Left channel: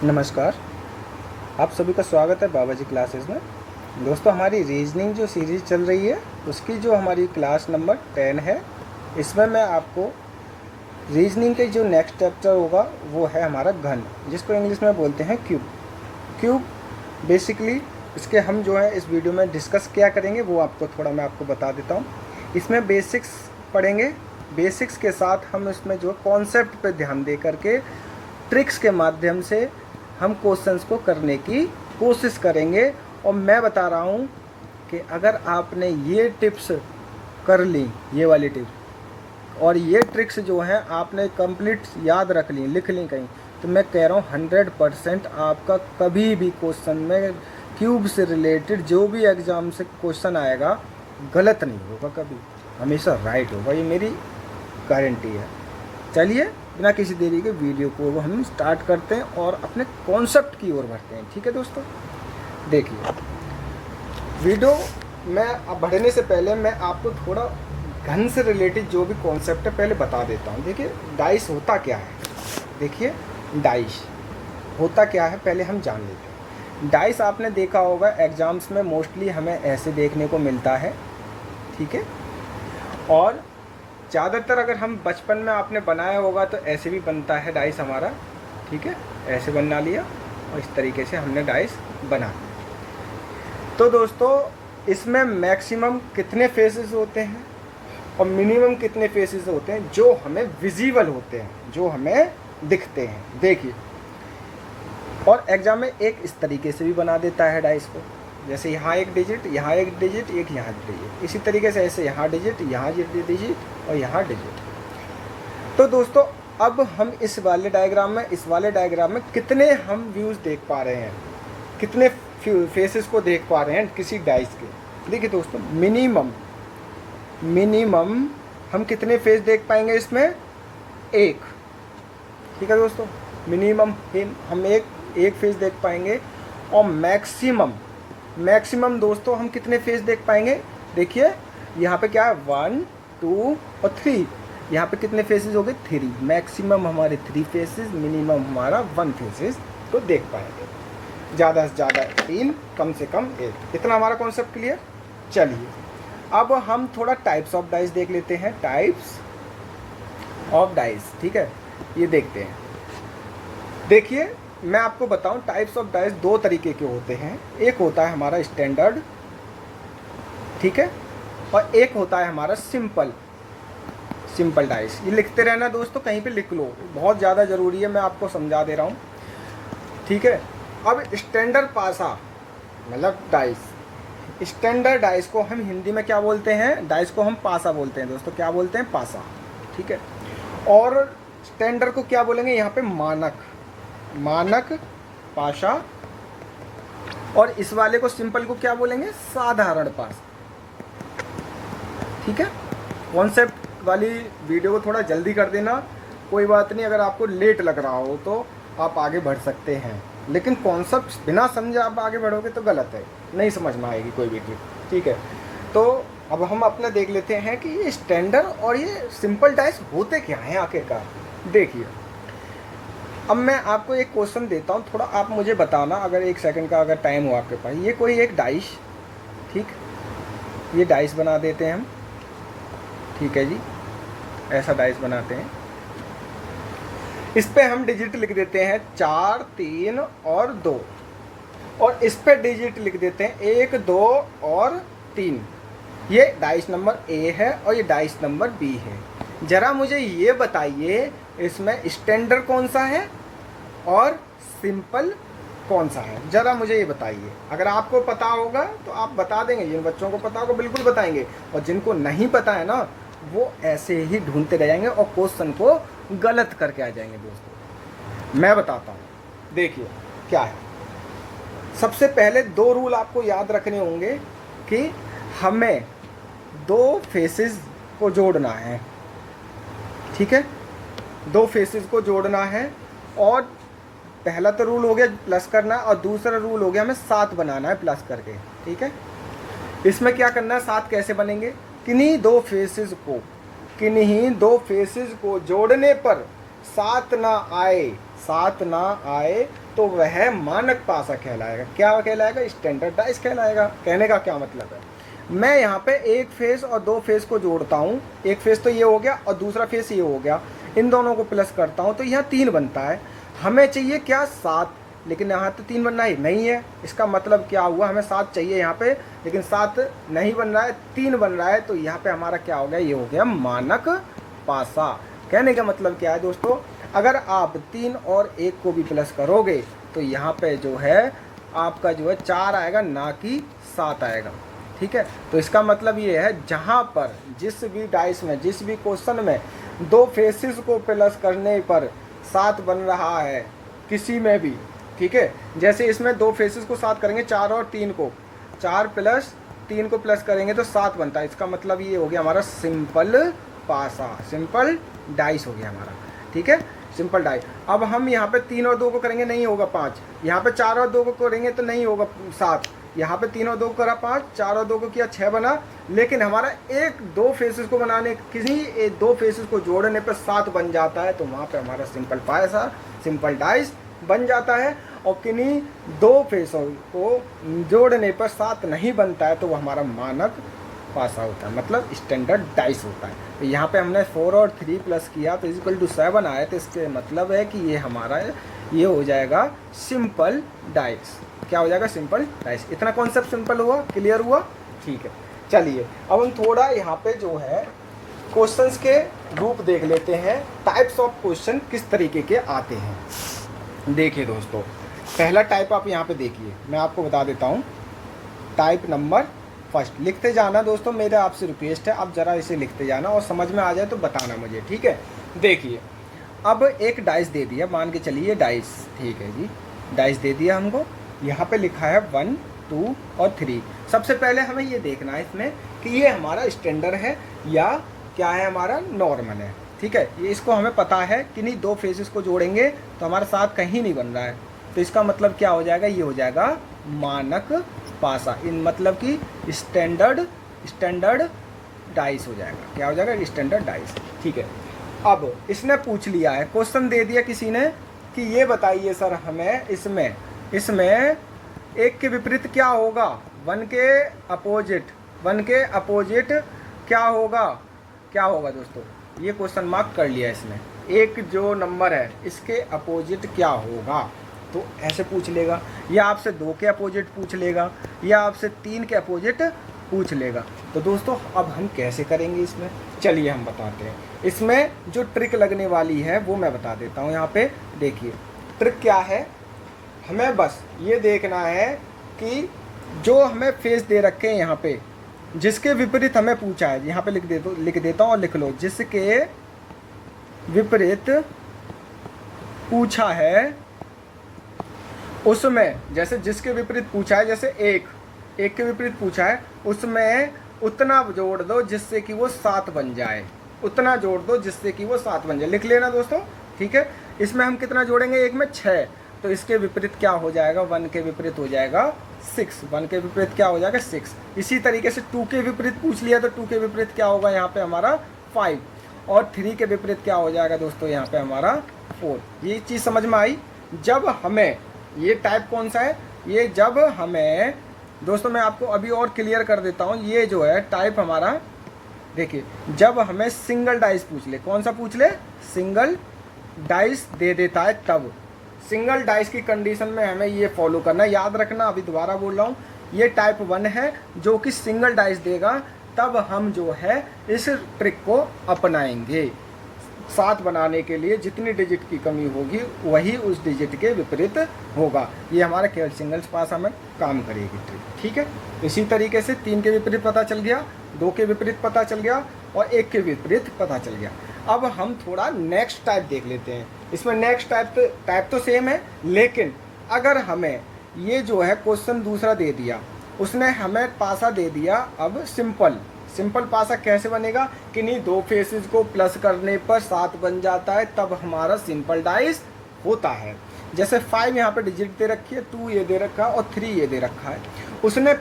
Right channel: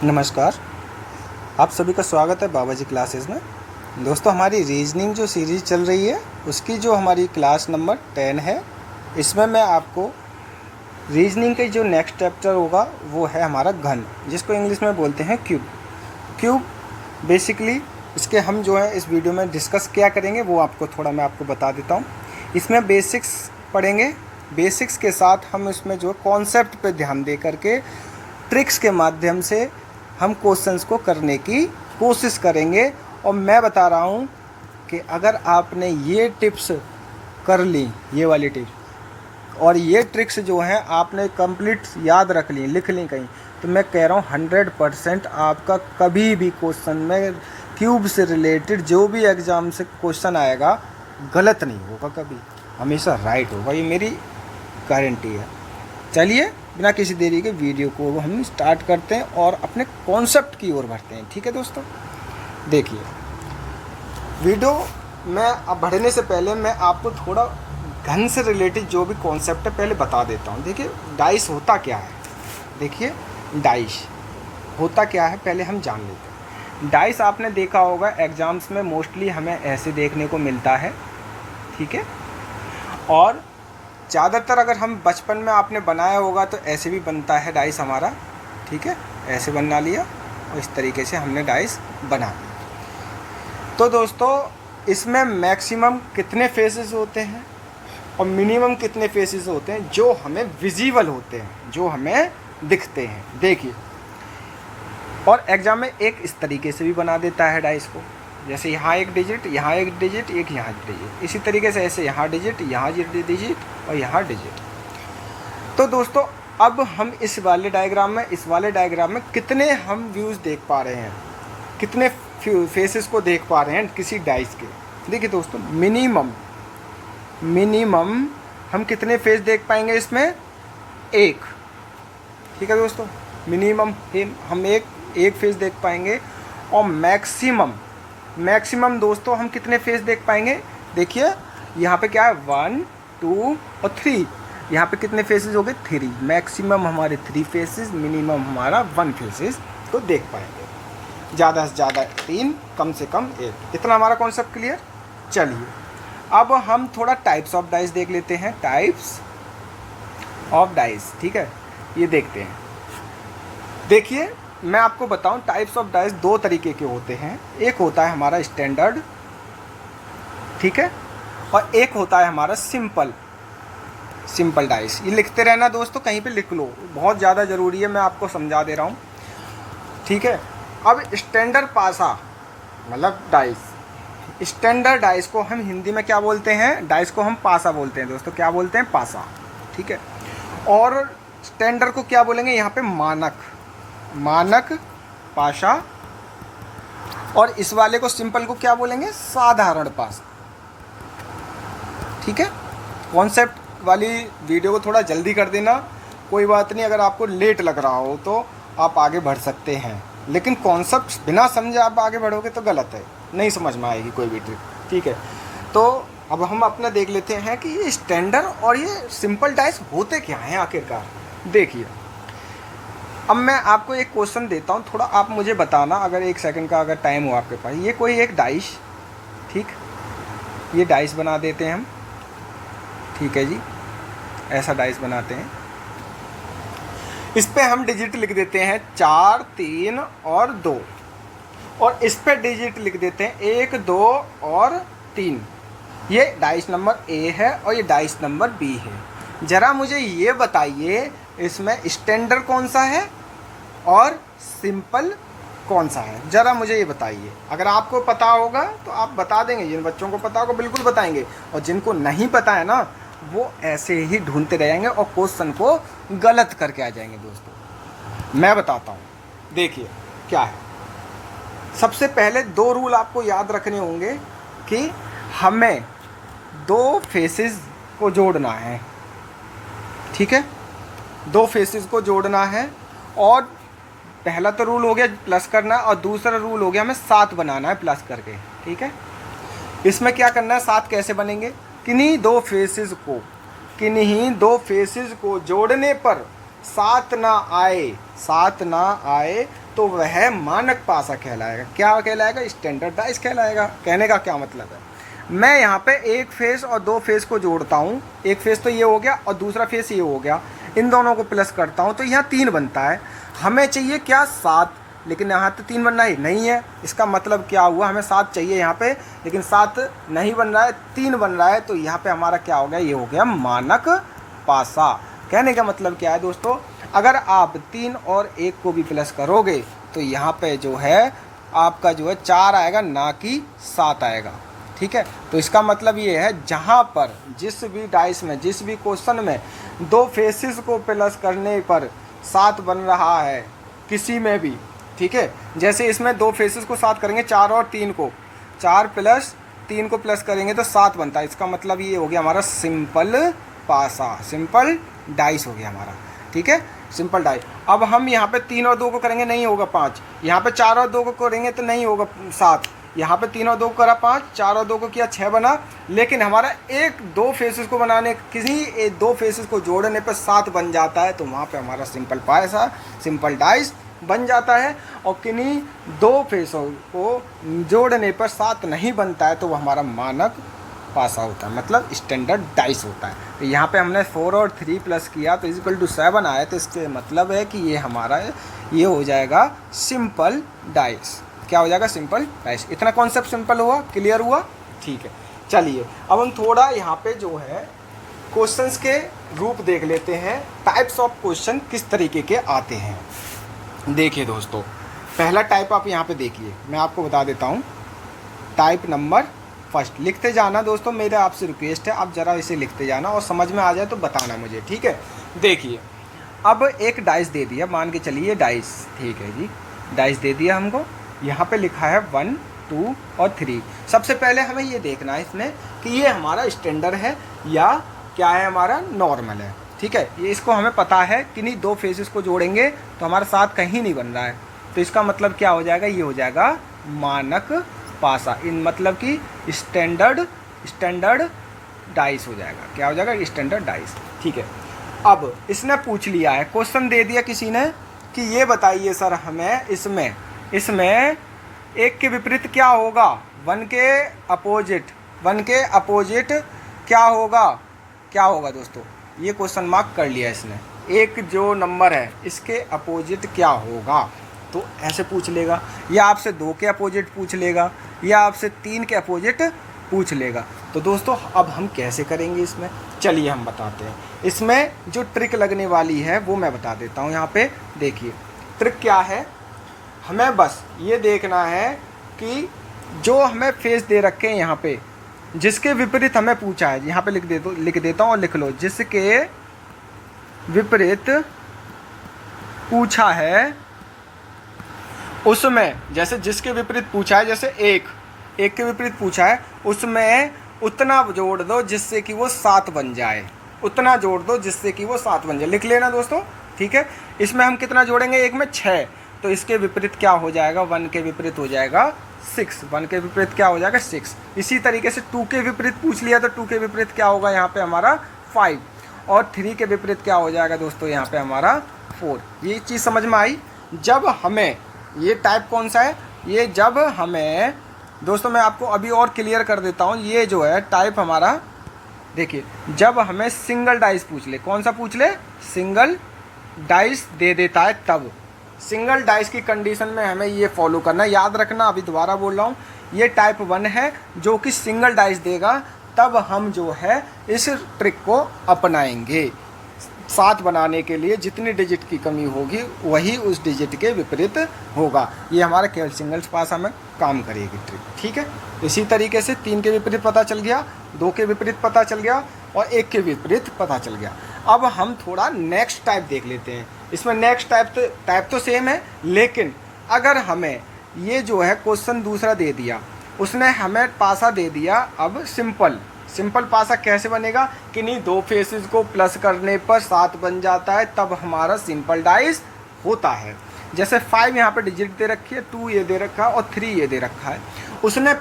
नमस्कार, आप सभी का स्वागत है बाबा जी क्लासेस में। दोस्तों, हमारी रीजनिंग जो सीरीज़ चल रही है उसकी जो हमारी क्लास नंबर 10 है, इसमें मैं आपको रीजनिंग के जो नेक्स्ट चैप्टर होगा वो है हमारा घन, जिसको इंग्लिश में बोलते हैं क्यूब। क्यूब बेसिकली इसके हम जो है इस वीडियो में डिस्कस क्या करेंगे वो मैं आपको बता देता हूँ। इसमें बेसिक्स पढ़ेंगे, बेसिक्स के साथ हम इसमें जो कॉन्सेप्ट पे ध्यान दे करके ट्रिक्स के माध्यम से हम क्वेश्चंस को करने की कोशिश करेंगे। और मैं बता रहा हूँ कि अगर आपने ये टिप्स कर ली, ये वाली टिप्स और ये ट्रिक्स जो हैं आपने कंप्लीट याद रख ली, लिख ली कहीं, तो मैं कह रहा हूँ 100% आपका कभी भी क्वेश्चन में क्यूब से रिलेटेड जो भी एग्ज़ाम से क्वेश्चन आएगा गलत नहीं होगा, कभी हमेशा राइट होगा। ये मेरी गारंटी है। चलिए बिना किसी देरी के वीडियो को हम स्टार्ट करते हैं और अपने कॉन्सेप्ट की ओर बढ़ते हैं। ठीक है दोस्तों, देखिए वीडियो में अब बढ़ने से पहले मैं आपको थोड़ा घन से रिलेटेड जो भी कॉन्सेप्ट है पहले बता देता हूँ। देखिए डाइस होता क्या है, देखिए डाइस होता क्या है पहले हम जान लेते हैं। डाइस आपने देखा होगा एग्ज़ाम्स में मोस्टली हमें ऐसे देखने को मिलता है, ठीक है। और ज़्यादातर अगर हम बचपन में आपने बनाया होगा तो ऐसे भी बनता है डाइस हमारा, ठीक है। ऐसे बना लिया और इस तरीके से हमने डाइस बना लिया। तो दोस्तों इसमें मैक्सिमम कितने फेसेस होते हैं और मिनिमम कितने फेसेस होते हैं जो हमें विजिबल होते हैं, जो हमें दिखते हैं। देखिए, और एग्ज़ाम में एक इस तरीके से भी बना देता है डाइस को, जैसे यहाँ एक डिजिट, यहाँ एक डिजिट, एक यहाँ डिजिट, इसी तरीके से ऐसे यहाँ डिजिट, यहाँ डिजिट और यहाँ डिजिट। तो दोस्तों अब हम इस वाले डायग्राम में कितने हम व्यूज़ देख पा रहे हैं, कितने फेसेस को देख पा रहे हैं किसी डाइस के। देखिए दोस्तों मिनिमम हम कितने फेस देख पाएंगे इसमें, एक, ठीक है दोस्तों। मिनिमम हम एक फेस देख पाएंगे और मैक्सिमम दोस्तों हम कितने फेस देख पाएंगे। देखिए यहाँ पे क्या है 1 2 और 3, यहाँ पे कितने फेसेस हो गए 3। मैक्सिमम हमारे 3 फेसेस, मिनिमम हमारा 1 फेसेस को देख पाएंगे। ज़्यादा से ज़्यादा 3, कम से कम 1। इतना हमारा कॉन्सेप्ट क्लियर। चलिए अब हम थोड़ा टाइप्स ऑफ डाइस देख लेते हैं। टाइप्स ऑफ डाइस, ठीक है, ये देखते हैं। देखिए मैं आपको बताऊं टाइप्स ऑफ डाइस 2 तरीके के होते हैं। एक होता है हमारा स्टैंडर्ड, ठीक है, और एक होता है हमारा सिंपल डाइस। ये लिखते रहना दोस्तों, कहीं पे लिख लो, बहुत ज़्यादा ज़रूरी है, मैं आपको समझा दे रहा हूँ, ठीक है। अब स्टैंडर्ड पासा मतलब डाइस, स्टैंडर्ड डाइस को हम हिंदी में क्या बोलते हैं, डाइस को हम पासा बोलते हैं दोस्तों। क्या बोलते हैं, पासा, ठीक है। और स्टैंडर्ड को क्या बोलेंगे यहाँ पे, मानक पाशा। और इस वाले को सिंपल को क्या बोलेंगे, साधारण पासा, ठीक है। कॉन्सेप्ट वाली वीडियो को थोड़ा जल्दी कर देना, कोई बात नहीं, अगर आपको लेट लग रहा हो तो आप आगे बढ़ सकते हैं, लेकिन कॉन्सेप्ट बिना समझे आप आगे बढ़ोगे तो गलत है, नहीं समझ में आएगी कोई भी ट्रिक, ठीक है। तो अब हम अपना देख लेते हैं कि ये स्टैंडर्ड और ये सिंपल डाइस होते क्या हैं आखिरकार। देखिए अब मैं आपको एक क्वेश्चन देता हूँ, थोड़ा आप मुझे बताना, अगर 1 सेकंड का अगर टाइम हो आपके पास। ये कोई एक डाइस, ठीक, ये डाइस बना देते हैं हम, ठीक है जी, ऐसा डाइस बनाते हैं। इस पे हम डिजिट लिख देते हैं 4 3 और 2, और इस पे डिजिट लिख देते हैं 1 2 और 3। ये डाइस नंबर ए है और ये डाइस नंबर बी है। ज़रा मुझे ये बताइए इसमें स्टैंडर्ड कौन सा है और सिंपल कौन सा है, ज़रा मुझे ये बताइए। अगर आपको पता होगा तो आप बता देंगे, जिन बच्चों को पता होगा बिल्कुल बताएंगे, और जिनको नहीं पता है ना वो ऐसे ही ढूंढते रहेंगे और क्वेश्चन को गलत करके आ जाएंगे। दोस्तों मैं बताता हूँ, देखिए क्या है। सबसे पहले 2 रूल आपको याद रखने होंगे कि हमें 2 फेसेस को जोड़ना है, ठीक है, 2 फेसेस को जोड़ना है। और पहला तो रूल हो गया प्लस करना, और दूसरा रूल हो गया हमें 7 बनाना है प्लस करके, ठीक है। इसमें क्या करना है, 7 कैसे बनेंगे, किन्हीं 2 फेसेस को जोड़ने पर सात ना आए तो वह मानक पासा कहलाएगा। क्या कहलाएगा? स्टैंडर्ड डाइस कहलाएगा। कहने का क्या मतलब है, मैं यहाँ पे एक फेस और दो फेस को जोड़ता हूँ, एक फेस तो ये हो गया और दूसरा फेस ये हो गया, इन दोनों को प्लस करता हूँ तो यहाँ 3 बनता है। हमें चाहिए क्या? 7, लेकिन यहाँ तो 3 बनना ही नहीं है। इसका मतलब क्या हुआ, हमें 7 चाहिए यहाँ पे, लेकिन 7 नहीं बन रहा है, 3 बन रहा है। तो यहाँ पे हमारा क्या हो गया? ये हो गया मानक पासा। कहने का मतलब क्या है दोस्तों, अगर आप 3 और 1 को भी प्लस करोगे तो यहाँ पे जो है आपका जो है 4 आएगा, ना कि 7 आएगा। ठीक है, तो इसका मतलब ये है जहाँ पर जिस भी डाइस में, जिस भी क्वेश्चन में 2 फेसेस को प्लस करने पर 7 बन रहा है किसी में भी, ठीक है, जैसे इसमें 2 फेसेस को 7 करेंगे, 4 और 3 को, 4 प्लस 3 को प्लस करेंगे तो 7 बनता है। इसका मतलब ये हो गया हमारा सिंपल पासा, सिंपल डाइस हो गया हमारा। ठीक है, सिंपल डाइस। अब हम यहाँ पे 3 और 2 को करेंगे, नहीं होगा 5। यहाँ पे 4 और 2 को करेंगे तो नहीं होगा 7। यहाँ पे 3 और 2 को करा 5, 4 और 2 को किया 6 बना। लेकिन हमारा 1-2 फेसेस को बनाने, किसी 2 फेसेस को जोड़ने पर 7 बन जाता है, तो वहाँ पे हमारा सिंपल पासा, सिंपल डाइस बन जाता है। और किन्हीं 2 फेसों को जोड़ने पर 7 नहीं बनता है तो वो हमारा मानक पासा होता है, मतलब स्टैंडर्ड डाइस होता है। तो यहाँ पे हमने 4 और 3 प्लस किया तो इक्वल टू 7 आया, तो इसके मतलब है कि ये हमारा ये हो जाएगा सिंपल डाइस। क्या हो जाएगा? Simple dice. इतना कॉन्सेप्ट सिंपल हुआ, क्लियर हुआ? ठीक है, चलिए अब हम थोड़ा यहाँ पे जो है क्वेश्चंस के रूप देख लेते हैं, टाइप्स ऑफ क्वेश्चन किस तरीके के आते हैं। देखिए दोस्तों, पहला टाइप आप यहाँ पे देखिए, मैं आपको बता देता हूँ। टाइप नंबर फर्स्ट, लिखते जाना दोस्तों, मेरा आपसे रिक्वेस्ट है, आप ज़रा इसे लिखते जाना और समझ में आ जाए तो बताना मुझे, ठीक है। देखिए, अब एक डाइस दे दिया, मान के चलिए डाइस, ठीक है जी, डाइस दे दिया हमको। यहाँ पे लिखा है 1, 2 और 3। सबसे पहले हमें ये देखना है इसमें कि ये हमारा स्टैंडर्ड है या क्या है, हमारा नॉर्मल है। ठीक है, ये इसको हमें पता है कि नहीं 2 फेसेस को जोड़ेंगे तो हमारा 7 कहीं नहीं बन रहा है, तो इसका मतलब क्या हो जाएगा? ये हो जाएगा मानक पासा, इन मतलब कि स्टैंडर्ड डाइस हो जाएगा। क्या हो जाएगा? Standard dice. ठीक है, अब इसने पूछ लिया है, क्वेश्चन दे दिया किसी ने कि ये बताइए सर हमें इसमें 1 के विपरीत क्या होगा, 1 के अपोजिट क्या होगा दोस्तों? ये क्वेश्चन मार्क कर लिया इसने। एक जो नंबर है इसके अपोजिट क्या होगा, तो ऐसे पूछ लेगा, या आपसे 2 के अपोजिट पूछ लेगा, या आपसे 3 के अपोजिट पूछ लेगा। तो दोस्तों अब हम कैसे करेंगे इसमें, चलिए हम बताते हैं। इसमें जो ट्रिक लगने वाली है वो मैं बता देता हूँ। यहाँ पे देखिए ट्रिक क्या है, हमें बस ये देखना है कि जो हमें फेस दे रखे हैं यहाँ पे, जिसके विपरीत हमें पूछा है, यहाँ पे लिख देता हूँ और लिख लो, जिसके विपरीत पूछा है उसमें, जैसे जिसके विपरीत पूछा है, जैसे एक के विपरीत पूछा है, उसमें उतना जोड़ दो जिससे कि वो 7 बन जाए, उतना जोड़ दो जिससे कि वो 7 बन जाए। लिख लेना दोस्तों, ठीक है। इसमें हम कितना जोड़ेंगे, एक में 6, तो इसके विपरीत क्या हो जाएगा, 1 के विपरीत हो जाएगा 6, 1 के विपरीत क्या हो जाएगा 6। इसी तरीके से 2 के विपरीत पूछ लिया तो 2 के विपरीत क्या होगा यहाँ पे हमारा 5, और 3 के विपरीत क्या हो जाएगा दोस्तों यहाँ पे हमारा 4। ये चीज़ समझ में आई। जब हमें ये टाइप कौन सा है, ये जब हमें दोस्तों, मैं आपको अभी और क्लियर कर देता हूँ, ये जो है टाइप हमारा, देखिए जब हमें सिंगल डाइस पूछ ले, कौन सा पूछ ले, सिंगल डाइस दे देता है, तब सिंगल डाइस की कंडीशन में हमें ये फॉलो करना है। याद रखना, अभी दोबारा बोल रहा हूँ, ये टाइप 1 है जो कि सिंगल डाइस देगा, तब हम जो है इस ट्रिक को अपनाएंगे। 7 बनाने के लिए जितनी डिजिट की कमी होगी वही उस डिजिट के विपरीत होगा। ये हमारा केवल सिंगल पासा में काम करेगी ट्रिक, ठीक है। इसी तरीके से 3 के विपरीत पता चल गया, 2 के विपरीत पता चल गया और 1 के विपरीत पता चल गया। अब हम थोड़ा नेक्स्ट टाइप देख लेते हैं। इसमें नेक्स्ट टाइप तो सेम है, लेकिन अगर हमें ये जो है क्वेश्चन दूसरा दे दिया, उसने हमें पासा दे दिया, अब सिंपल पासा कैसे बनेगा कि नहीं 2 फेसेस को प्लस करने पर 7 बन जाता है, तब हमारा सिंपल डाइस होता है। जैसे 5 यहाँ पे डिजिट दे रखी है, 2 ये दे रखा है और 3 ये दे रखा है। उसने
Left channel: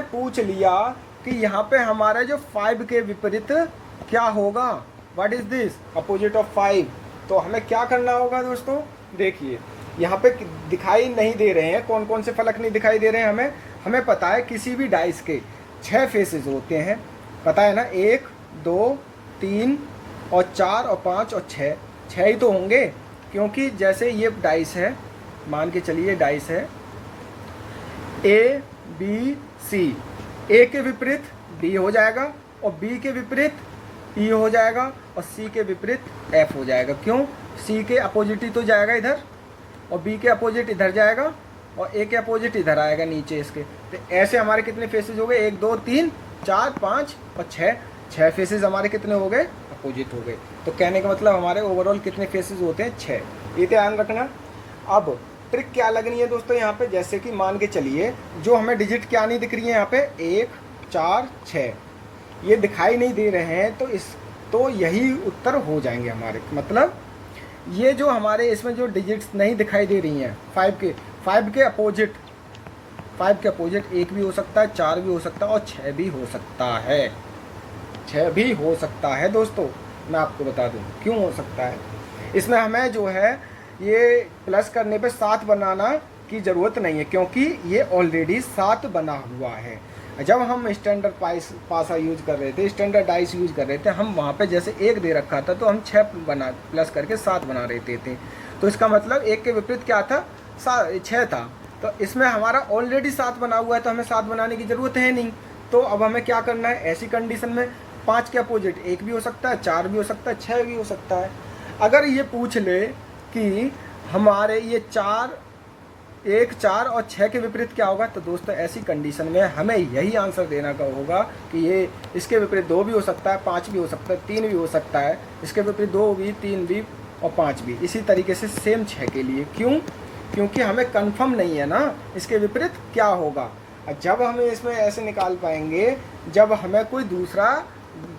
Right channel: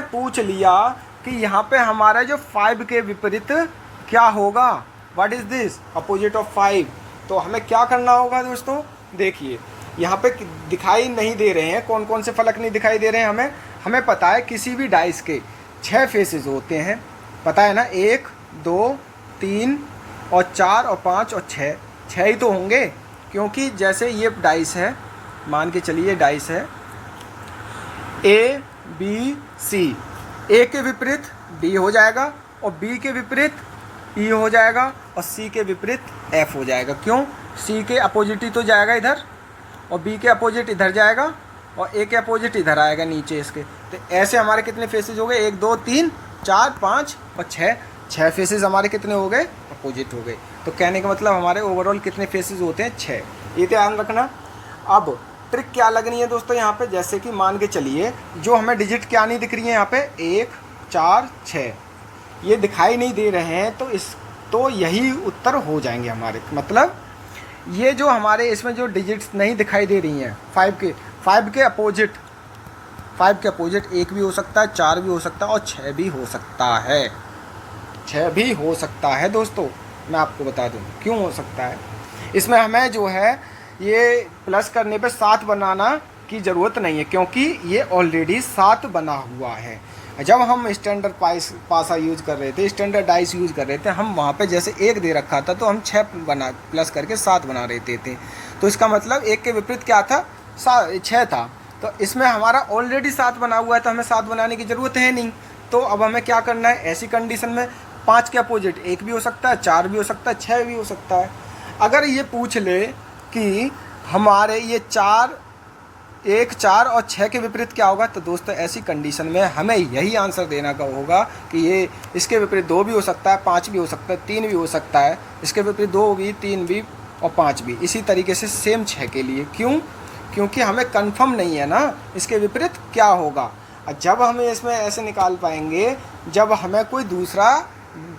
पूछ लिया कि यहाँ पे हमारा जो 5 के विपरीत क्या होगा, what is this, opposite of 5। तो हमें क्या करना होगा दोस्तों, देखिए यहाँ पे दिखाई नहीं दे रहे हैं, कौन कौन से फलक नहीं दिखाई दे रहे हैं हमें पता है किसी भी डाइस के 6 फेसेस होते हैं, पता है ना, 1 2 3 और 4 और 5 और 6 ही तो होंगे, क्योंकि जैसे ये डाइस है, मान के चलिए डाइस है A B C, A के विपरीत D हो जाएगा और B के विपरीत E हो जाएगा और C के विपरीत F हो जाएगा। क्यों, C के अपोजिट ही तो जाएगा इधर और B के अपोजिट इधर जाएगा और A के अपोजिट इधर आएगा नीचे इसके। तो ऐसे हमारे कितने फेसेस हो गए, 1 2 3 4 5 और 6 फेसेस हमारे कितने हो गए, अपोजिट हो गए। तो कहने का मतलब हमारे ओवरऑल कितने फेसेस होते हैं, 6। ये ध्यान रखना। अब ट्रिक क्या लगनी है दोस्तों यहाँ पे, जैसे कि मान के चलिए जो हमें डिजिट क्या नहीं दिख रही है यहाँ पे 1 4 6 ये दिखाई नहीं दे रहे हैं, तो यही उत्तर हो जाएंगे हमारे। मतलब ये जो हमारे इसमें जो डिजिट्स नहीं दिखाई दे रही हैं 5 के अपोजिट 1 भी हो सकता है, 4 भी हो सकता है और 6 भी हो सकता है, 6 भी हो सकता है दोस्तों। मैं आपको बता दूं क्यों हो सकता है। इसमें हमें जो है ये प्लस करने पे 7 बनाना की ज़रूरत नहीं है, क्योंकि ये ऑलरेडी 7 बना हुआ है। जब हम स्टैंडर्ड पासा यूज़ कर रहे थे, स्टैंडर्ड डाइस यूज़ कर रहे थे, हम वहाँ पे जैसे 1 दे रखा था तो हम 6 बना प्लस करके 7 बना रहे थे। तो इसका मतलब 1 के विपरीत क्या था, 6 था। तो इसमें हमारा ऑलरेडी 7 बना हुआ है, तो हमें 7 बनाने की ज़रूरत है नहीं। तो अब हमें क्या करना है, ऐसी कंडीशन में 5 के अपोजिट 1 भी हो सकता है, 4 भी हो सकता है, 6 भी हो सकता है। अगर ये पूछ ले कि हमारे ये 1 4 और 6 के विपरीत क्या होगा, तो दोस्तों ऐसी कंडीशन में हमें यही आंसर देना का होगा कि ये इसके विपरीत 2 भी हो सकता है, 5 भी हो सकता है, 3 भी हो सकता है, इसके विपरीत 2 भी, 3 भी और 5 भी। इसी तरीके से सेम 6 के लिए। क्यों, क्योंकि हमें कंफर्म नहीं है ना इसके विपरीत क्या होगा। जब हमें इसमें ऐसे निकाल पाएंगे जब हमें कोई दूसरा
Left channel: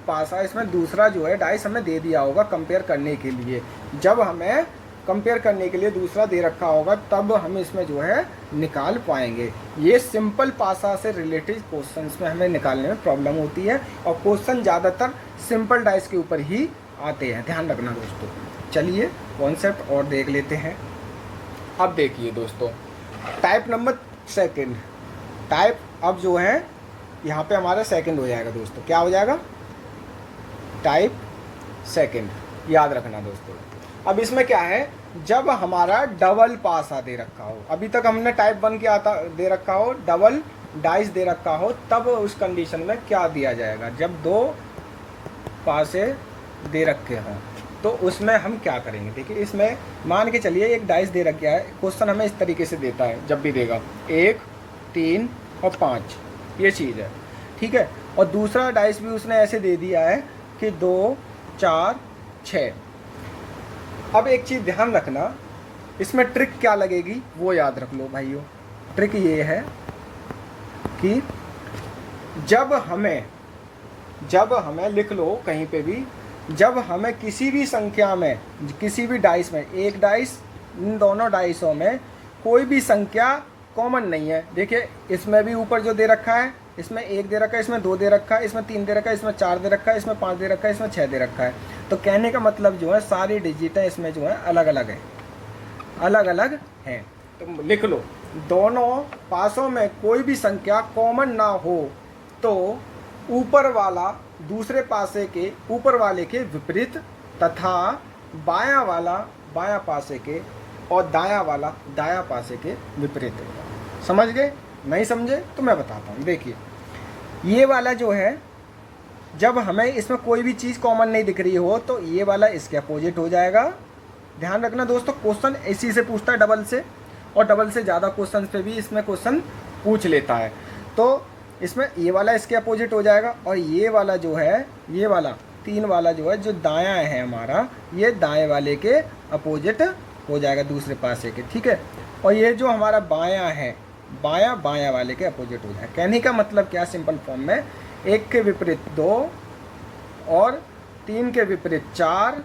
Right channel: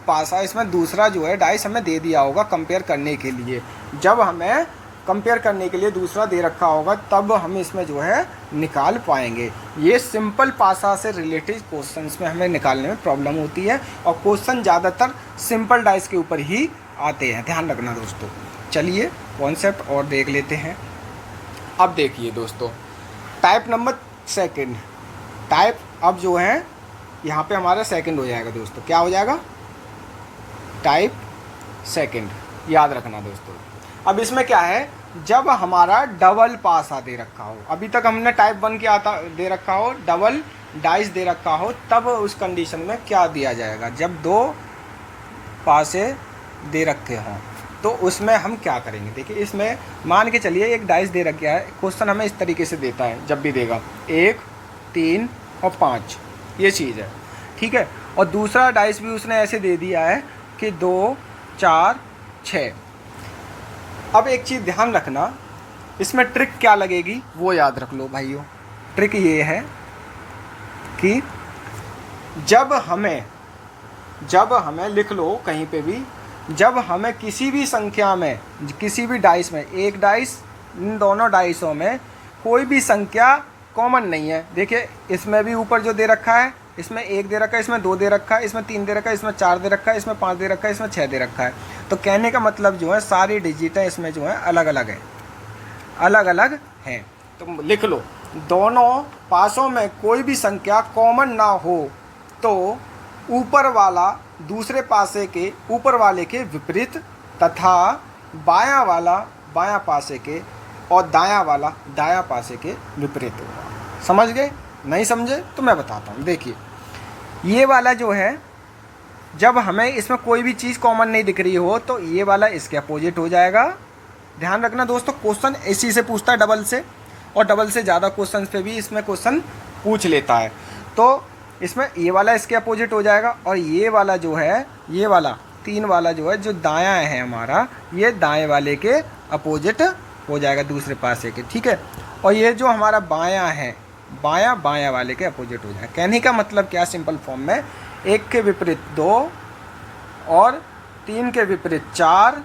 पासा, इसमें दूसरा जो है डाइस हमें दे दिया होगा कंपेयर करने के लिए। जब हमें कंपेयर करने के लिए दूसरा दे रखा होगा तब हम इसमें जो है निकाल पाएंगे। ये सिंपल पासा से रिलेटेड क्वेश्चंस में हमें निकालने में प्रॉब्लम होती है और क्वेश्चन ज़्यादातर सिंपल डाइस के ऊपर ही आते हैं, ध्यान रखना दोस्तों। चलिए कॉन्सेप्ट और देख लेते हैं। अब देखिए दोस्तों, टाइप नंबर सेकंड, टाइप अब जो है यहाँ पे हमारा सेकंड हो जाएगा दोस्तों। क्या हो जाएगा, टाइप सेकंड, याद रखना दोस्तों। अब इसमें क्या है, जब हमारा डबल पासा दे रखा हो, अभी तक हमने टाइप 1 क्या आता दे रखा हो, डबल डाइस दे रखा हो, तब उस कंडीशन में क्या दिया जाएगा, जब 2 पासे दे रखे हों तो उसमें हम क्या करेंगे। देखिए इसमें मान के चलिए एक डाइस दे रखा है, क्वेश्चन हमें इस तरीके से देता है जब भी देगा 1 3 और 5 ये चीज़ है, ठीक है। और दूसरा डाइस भी उसने ऐसे दे दिया है कि 2 4 6। अब एक चीज़ ध्यान रखना, इसमें ट्रिक क्या लगेगी वो याद रख लो भाइयों। ट्रिक ये है कि जब हमें लिख लो कहीं पे भी, जब हमें किसी भी संख्या में, किसी भी डाइस में, एक डाइस इन दोनों डाइसों में कोई भी संख्या कॉमन नहीं है। देखिए इसमें भी ऊपर जो दे रखा है, इसमें 1 दे रखा है, इसमें 2 दे रखा है, इसमें 3 दे रखा है, इसमें 4 दे रखा है, इसमें 5 दे रखा है, इसमें 6 दे रखा है। तो कहने का मतलब जो है सारी डिजिटें इसमें जो है अलग अलग हैं। तो लिख लो, दोनों पासों में कोई भी संख्या कॉमन ना हो तो ऊपर वाला दूसरे पासे के ऊपर वाले के विपरीत तथा बायां वाला बायां पासे के और दायां वाला दायां पासे के विपरीत होगा। समझ गए? नहीं समझे तो मैं बताता हूँ। देखिए ये वाला जो है, जब हमें इसमें कोई भी चीज़ कॉमन नहीं दिख रही हो तो ये वाला इसके अपोजिट हो जाएगा। ध्यान रखना दोस्तों, क्वेश्चन इसी से पूछता है, डबल से, और डबल से ज़्यादा क्वेश्चन पे भी इसमें क्वेश्चन पूछ लेता है। तो इसमें ये वाला इसके अपोजिट हो जाएगा और ये वाला जो है, ये वाला 3 वाला जो है, जो दायां है हमारा, ये दाएं वाले के अपोजिट हो जाएगा, दूसरे पासे के, ठीक है। और ये जो हमारा बायां है, बायां वाले के अपोजिट हो जाएगा। कहने का मतलब क्या, सिंपल फॉर्म में 1 के विपरीत 2 और 3 के विपरीत 4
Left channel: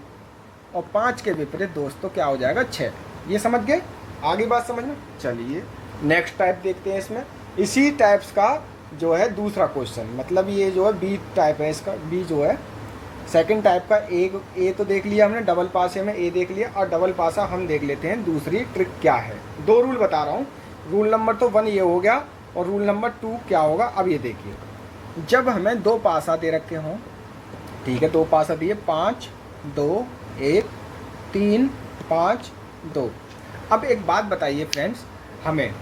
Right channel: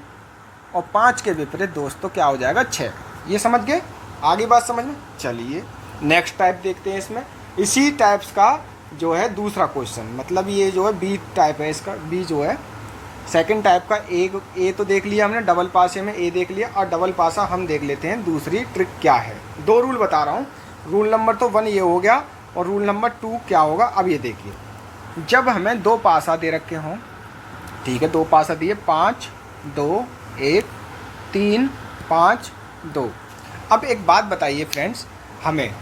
और 5 के विपरीत दोस्तों क्या हो जाएगा, 6। ये समझ गए? आगे बात समझ में। चलिए नेक्स्ट टाइप देखते हैं। इसमें इसी टाइप्स का जो है दूसरा क्वेश्चन, मतलब ये जो है बी टाइप है, इसका बी जो है सेकंड टाइप का ए तो देख लिया हमने, डबल पासे में ए देख लिया, और डबल पासा हम देख लेते हैं दूसरी ट्रिक क्या है। 2 रूल बता रहा हूँ। रूल नंबर तो 1 ये हो गया, और रूल नंबर 2 क्या होगा अब ये देखिए। जब हमें 2 पासा दे रखे हों, ठीक है, 2 पासा दिए, 5 2 1 3 5 2। अब एक बात बताइए फ्रेंड्स, हमें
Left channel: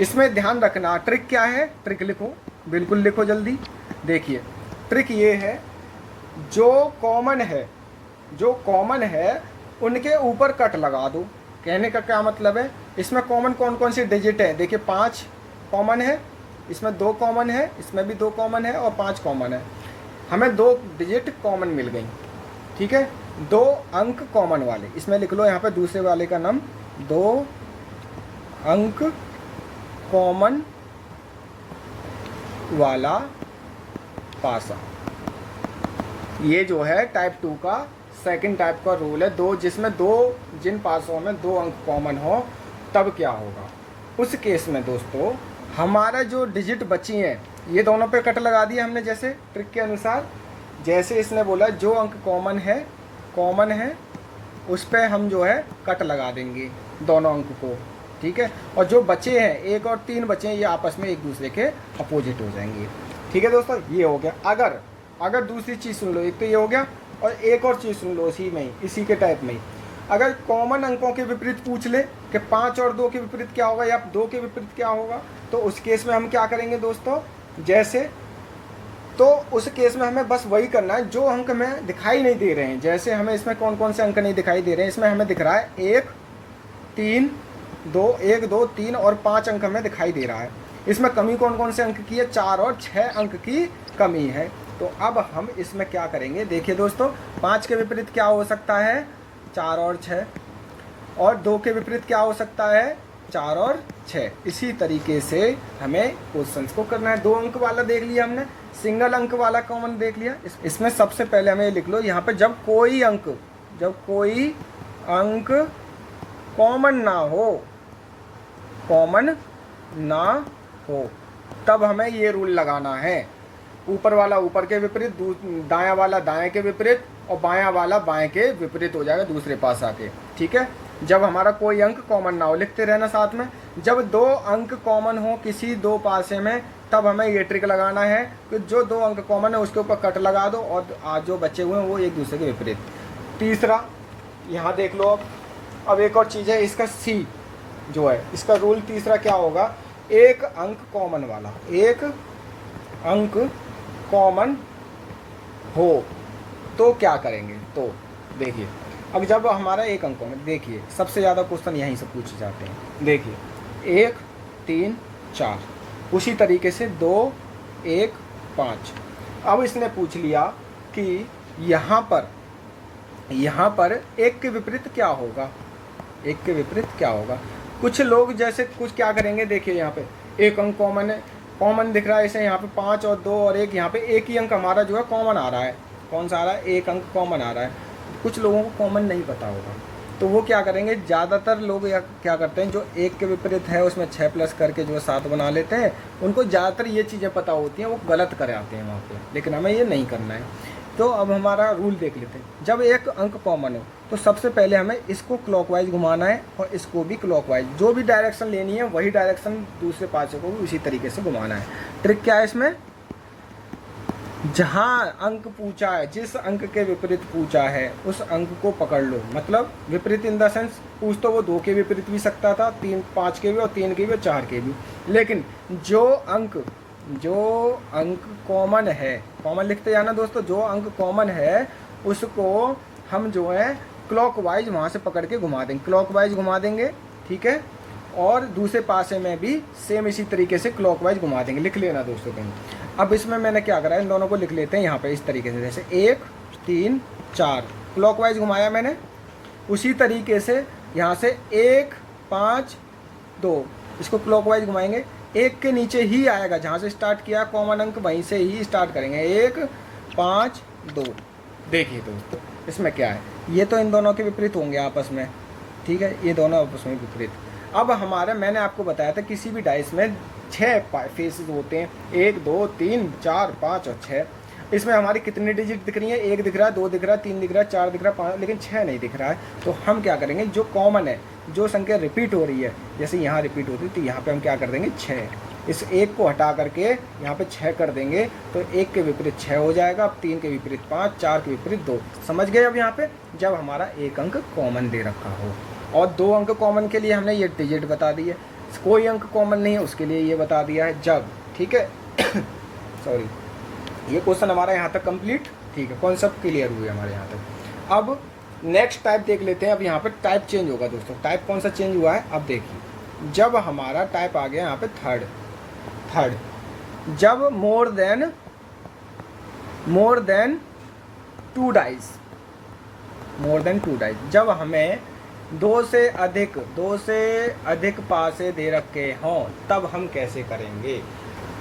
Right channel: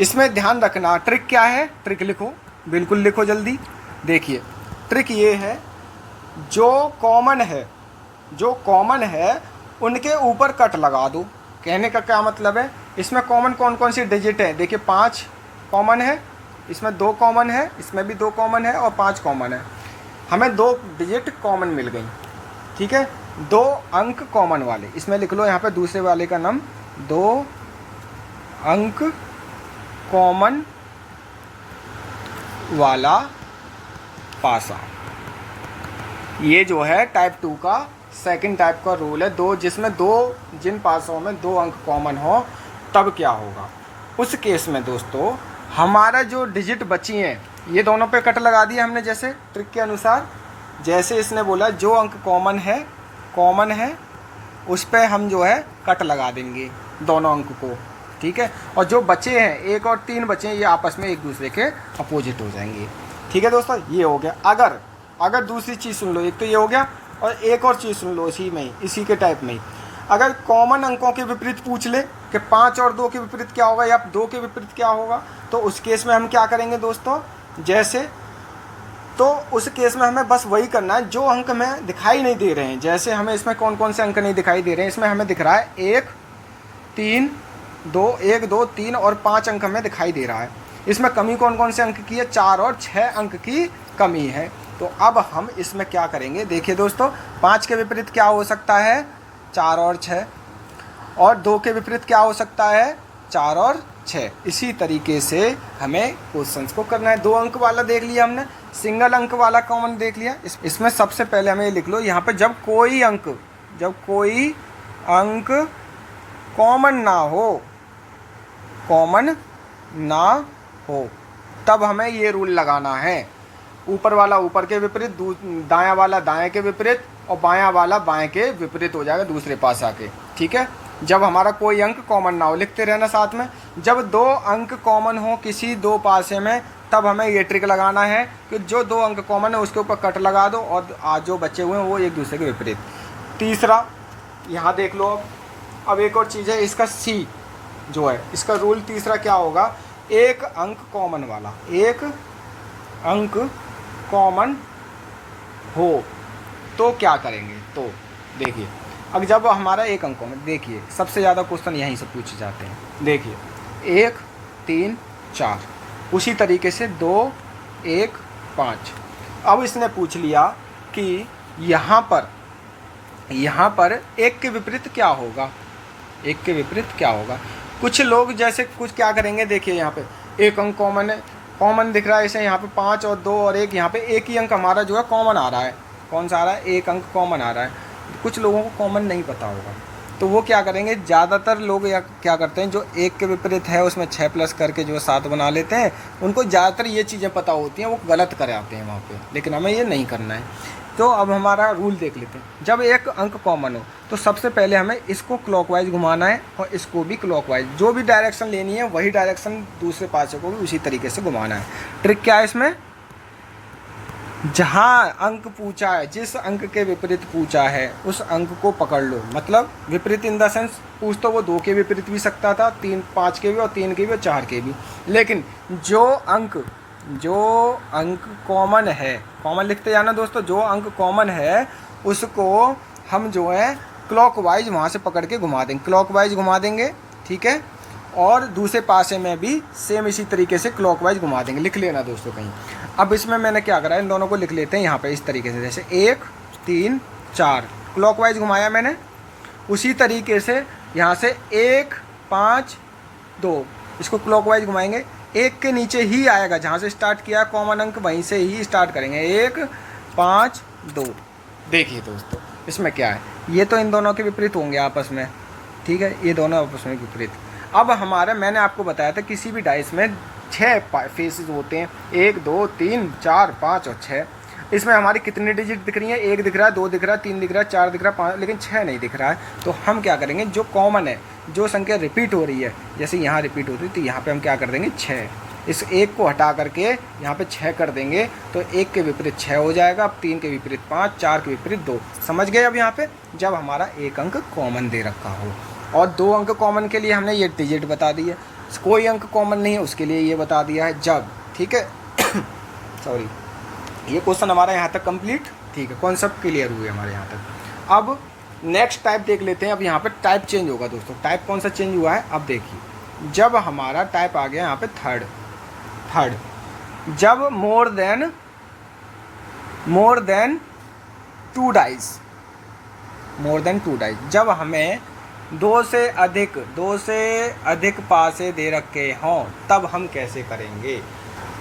इसमें ध्यान रखना, ट्रिक क्या है, ट्रिक लिखो, बिल्कुल लिखो जल्दी। देखिए ट्रिक ये है, जो कॉमन है उनके ऊपर कट लगा दो। कहने का क्या मतलब है, इसमें कॉमन कौन कौन सी डिजिट है, देखिए 5 कॉमन है, इसमें 2 कॉमन है, इसमें भी 2 कॉमन है, और 5 कॉमन है। हमें 2 डिजिट कॉमन मिल गई, ठीक है, 2 अंक कॉमन वाले। इसमें लिख लो यहाँ पे दूसरे वाले का नाम, 2 अंक कॉमन वाला पासा। ये जो है टाइप 2 का सेकंड टाइप का रूल है। जिसमें जिन पासों में 2 अंक कॉमन हो, तब क्या होगा उस केस में दोस्तों, हमारा जो डिजिट बची हैं ये दोनों पे कट लगा दिया हमने, जैसे ट्रिक के अनुसार। जैसे इसने बोला जो अंक कॉमन है उस पे हम जो है कट लगा देंगे दोनों अंक को, ठीक है। और जो बचे हैं 1 और 3 बचे हैं, ये आपस में एक दूसरे के अपोजिट हो जाएंगे, ठीक है दोस्तों। ये हो गया। अगर दूसरी चीज़ सुन लो, एक तो ये हो गया, और एक और चीज़ सुन लो इसी के टाइप में ही। अगर कॉमन अंकों के विपरीत पूछ ले कि 5 और 2 के विपरीत क्या होगा, या 2 के विपरीत क्या होगा, तो उस केस में हम क्या करेंगे दोस्तों, तो उस केस में हमें बस वही करना है जो अंक हमें दिखाई नहीं दे रहे हैं। जैसे हमें इसमें कौन कौन से अंक नहीं दिखाई दे रहे हैं, इसमें हमें दिख रहा है 1 3 2 1 2 3 और 5 अंक हमें दिखाई दे रहा है। इसमें कमी कौन कौन से अंक की है, 4 और 6 अंक की कमी है। तो अब हम इसमें क्या करेंगे, देखिए दोस्तों, 5 के विपरीत क्या हो सकता है, 4 और 6, और 2 के विपरीत क्या हो सकता है, 4 और 6। इसी तरीके से हमें क्वेश्चंस को करना है। 2 अंक वाला देख लिया हमने, सिंगल अंक वाला कॉमन देख लिया। इसमें सबसे पहले हमें लिख लो यहाँ पे, जब कोई अंक कॉमन ना हो तब हमें ये रूल लगाना है। ऊपर वाला ऊपर के विपरीत, दायां वाला दाएं के विपरीत, और बायां वाला बाएं के विपरीत हो जाएगा दूसरे पास आके, ठीक है। जब हमारा कोई अंक कॉमन ना हो, लिखते रहना साथ में। जब 2 अंक कॉमन हो किसी 2 पासे में, तब हमें ये ट्रिक लगाना है कि जो 2 अंक कॉमन है उसके ऊपर कट लगा दो, और आज जो बचे हुए हैं वो एक दूसरे के विपरीत। तीसरा यहाँ देख लो, अब एक और चीज़ है, इसका सी जो है, इसका रूल तीसरा क्या होगा, 1 अंक कॉमन वाला, 1 अंक कॉमन हो तो क्या करेंगे। तो देखिए, अब जब हमारा 1 अंक कॉमन, देखिए सबसे ज़्यादा क्वेश्चन यहीं से पूछे जाते हैं। देखिए 1 3 4, उसी तरीके से 2 1 5। अब इसने पूछ लिया कि यहाँ पर 1 के विपरीत क्या होगा, 1 के विपरीत क्या होगा। कुछ लोग जैसे कुछ क्या करेंगे, देखिए यहाँ पे 1 अंक कॉमन है, कॉमन दिख रहा है इसे, यहाँ पे 5 और 2 और 1, यहाँ पे एक ही अंक हमारा जो है कॉमन आ रहा है। कौन सा आ रहा है, 1 अंक कॉमन आ रहा है। कुछ लोगों को कॉमन नहीं पता होगा, तो वो क्या करेंगे, ज़्यादातर लोग क्या करते हैं, जो 1 के विपरीत है उसमें 6 प्लस करके जो 7 बना लेते हैं। उनको ज़्यादातर ये चीज़ें पता होती हैं, वो गलत कर आते हैं वहाँ पे, लेकिन हमें ये नहीं करना है। तो अब हमारा रूल देख लेते हैं। जब 1 अंक कॉमन हो तो सबसे पहले हमें इसको क्लॉकवाइज घुमाना है, और इसको भी क्लॉकवाइज, जो भी डायरेक्शन लेनी है वही डायरेक्शन दूसरे पासे को भी उसी तरीके से घुमाना है। ट्रिक क्या है इसमें, जहाँ अंक पूछा है, जिस अंक के विपरीत पूछा है उस अंक को पकड़ लो। मतलब विपरीत इन द सेंस, पूछ तो वो 2 के विपरीत भी सकता था, 3 5 के भी, और 3 के भी, और 4 के भी, लेकिन जो अंक कॉमन है, कॉमन लिखते जाना दोस्तों, जो अंक कॉमन है उसको हम जो है क्लॉकवाइज वहाँ से पकड़ के घुमा देंगे, क्लॉकवाइज घुमा देंगे, ठीक है। और दूसरे पासे में भी सेम इसी तरीके से क्लॉकवाइज घुमा देंगे। लिख लेना दोस्तों कहीं। अब इसमें मैंने क्या करा है, इन दोनों को लिख लेते हैं यहाँ पे इस तरीके से, जैसे 1 3 4 क्लॉकवाइज घुमाया मैंने। उसी तरीके से यहाँ से 1 5 2 इसको क्लॉकवाइज घुमाएंगे। 1 के नीचे ही आएगा, जहाँ से स्टार्ट किया कॉमन अंक वहीं से ही स्टार्ट करेंगे, 1 5 2। देखिए दोस्तों इसमें क्या है, ये तो इन दोनों के विपरीत होंगे आपस में, ठीक है, ये दोनों आपस में विपरीत। अब हमारा, मैंने आपको बताया था किसी भी डाइस में 6 फेसेस होते हैं, 1 2 3 4 5 और 6। इसमें हमारी कितनी डिजिट दिख रही है, 1 दिख रहा है, 2 दिख रहा है, 3 दिख रहा है, 4 दिख रहा है, 5, लेकिन 6 नहीं दिख रहा है। तो हम क्या करेंगे, जो कॉमन है, जो संख्या रिपीट हो रही है, जैसे यहाँ रिपीट होती है तो यहाँ पे हम क्या कर देंगे 6, इस 1 को हटा करके यहाँ पे 6 कर देंगे तो 1 के विपरीत 6 हो जाएगा। अब 3 के विपरीत 5, 4 के विपरीत 2। समझ गए अब यहाँ पे, जब हमारा 1 अंक कॉमन दे रखा हो और 2 अंक कॉमन के लिए हमने ये डिजिट बता दी है, कोई अंक कॉमन नहीं है उसके लिए ये बता दिया है जब। ठीक है सॉरी, ये क्वेश्चन हमारा यहाँ तक कंप्लीट। ठीक है, कॉन्सेप्ट क्लियर हुए हमारे यहाँ तक। अब नेक्स्ट टाइप देख लेते हैं। अब यहाँ पे टाइप चेंज होगा दोस्तों। टाइप कौन सा चेंज हुआ है, अब देखिए, जब हमारा टाइप आ गया यहाँ पे थर्ड, जब मोर देन 2 डाइज, जब हमें 2 से अधिक पासे दे रखे हों तब हम कैसे करेंगे।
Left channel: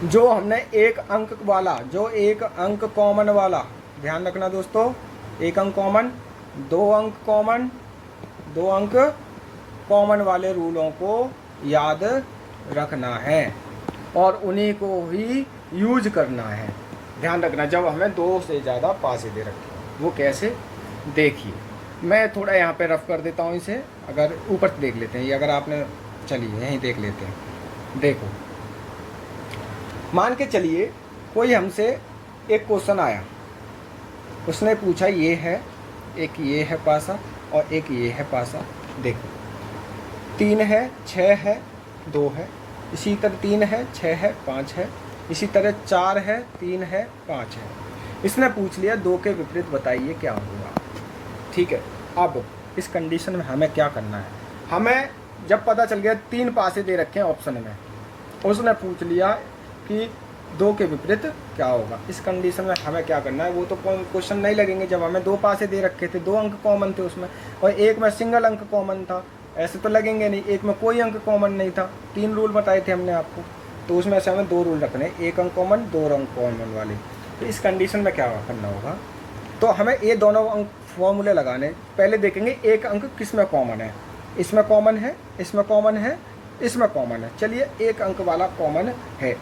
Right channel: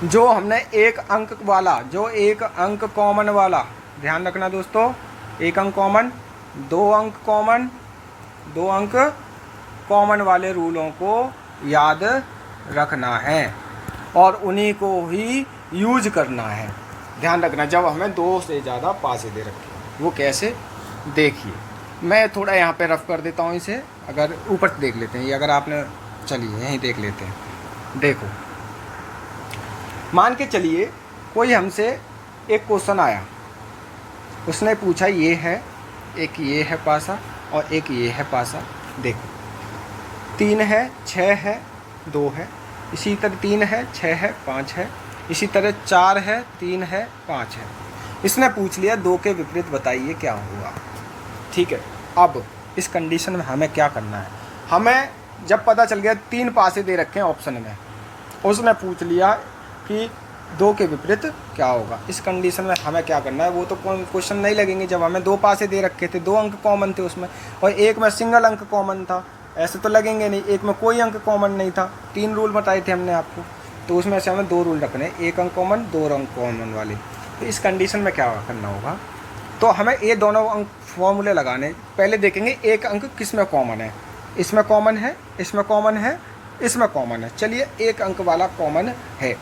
जो हमने 1 अंक वाला, जो 1 अंक कॉमन वाला, ध्यान रखना दोस्तों, 1 अंक कॉमन, 2 अंक कॉमन, 2 अंक कॉमन वाले रूलों को याद रखना है और उन्हीं को ही यूज करना है। ध्यान रखना, जब हमें 2 से ज़्यादा पासे दे रखे, वो कैसे, देखिए मैं थोड़ा यहाँ पे रफ कर देता हूँ इसे। अगर ऊपर से देख लेते हैं ये, अगर आपने, चलिए यहीं देख लेते हैं। देखो, मान के चलिए कोई हमसे एक क्वेश्चन आया, उसने पूछा ये है, एक ये है पासा और एक ये है पासा। देखो 3 है, 6 है, 2 है, इसी तरह 3 है, 6 है, 5 है, इसी तरह 4 है, 3 है, 5 है। इसने पूछ लिया 2 के विपरीत बताइए क्या होगा। ठीक है, अब इस कंडीशन में हमें क्या करना है, हमें जब पता चल गया 3 पासे दे रखे हैं ऑप्शन में, उसने पूछ लिया कि 2 के विपरीत क्या होगा। इस कंडीशन में हमें क्या करना है, वो तो क्वेश्चन नहीं लगेंगे जब हमें 2 पासे दे रखे थे, 2 अंक कॉमन थे उसमें और 1 में सिंगल अंक कॉमन था, ऐसे तो लगेंगे नहीं। 1 में कोई अंक कॉमन नहीं था, 3 रूल बताए थे हमने आपको, तो उसमें से हमें 2 रूल रखने, 1 अंक कॉमन, 2 अंक कॉमन वाले। तो इस कंडीशन में क्या करना होगा, तो हमें ये दोनों अंक फॉर्मूले लगाने। पहले देखेंगे 1 अंक किस में कॉमन है, इसमें कॉमन है, इसमें कॉमन है, इसमें कॉमन है। चलिए 1 अंक वाला कॉमन है।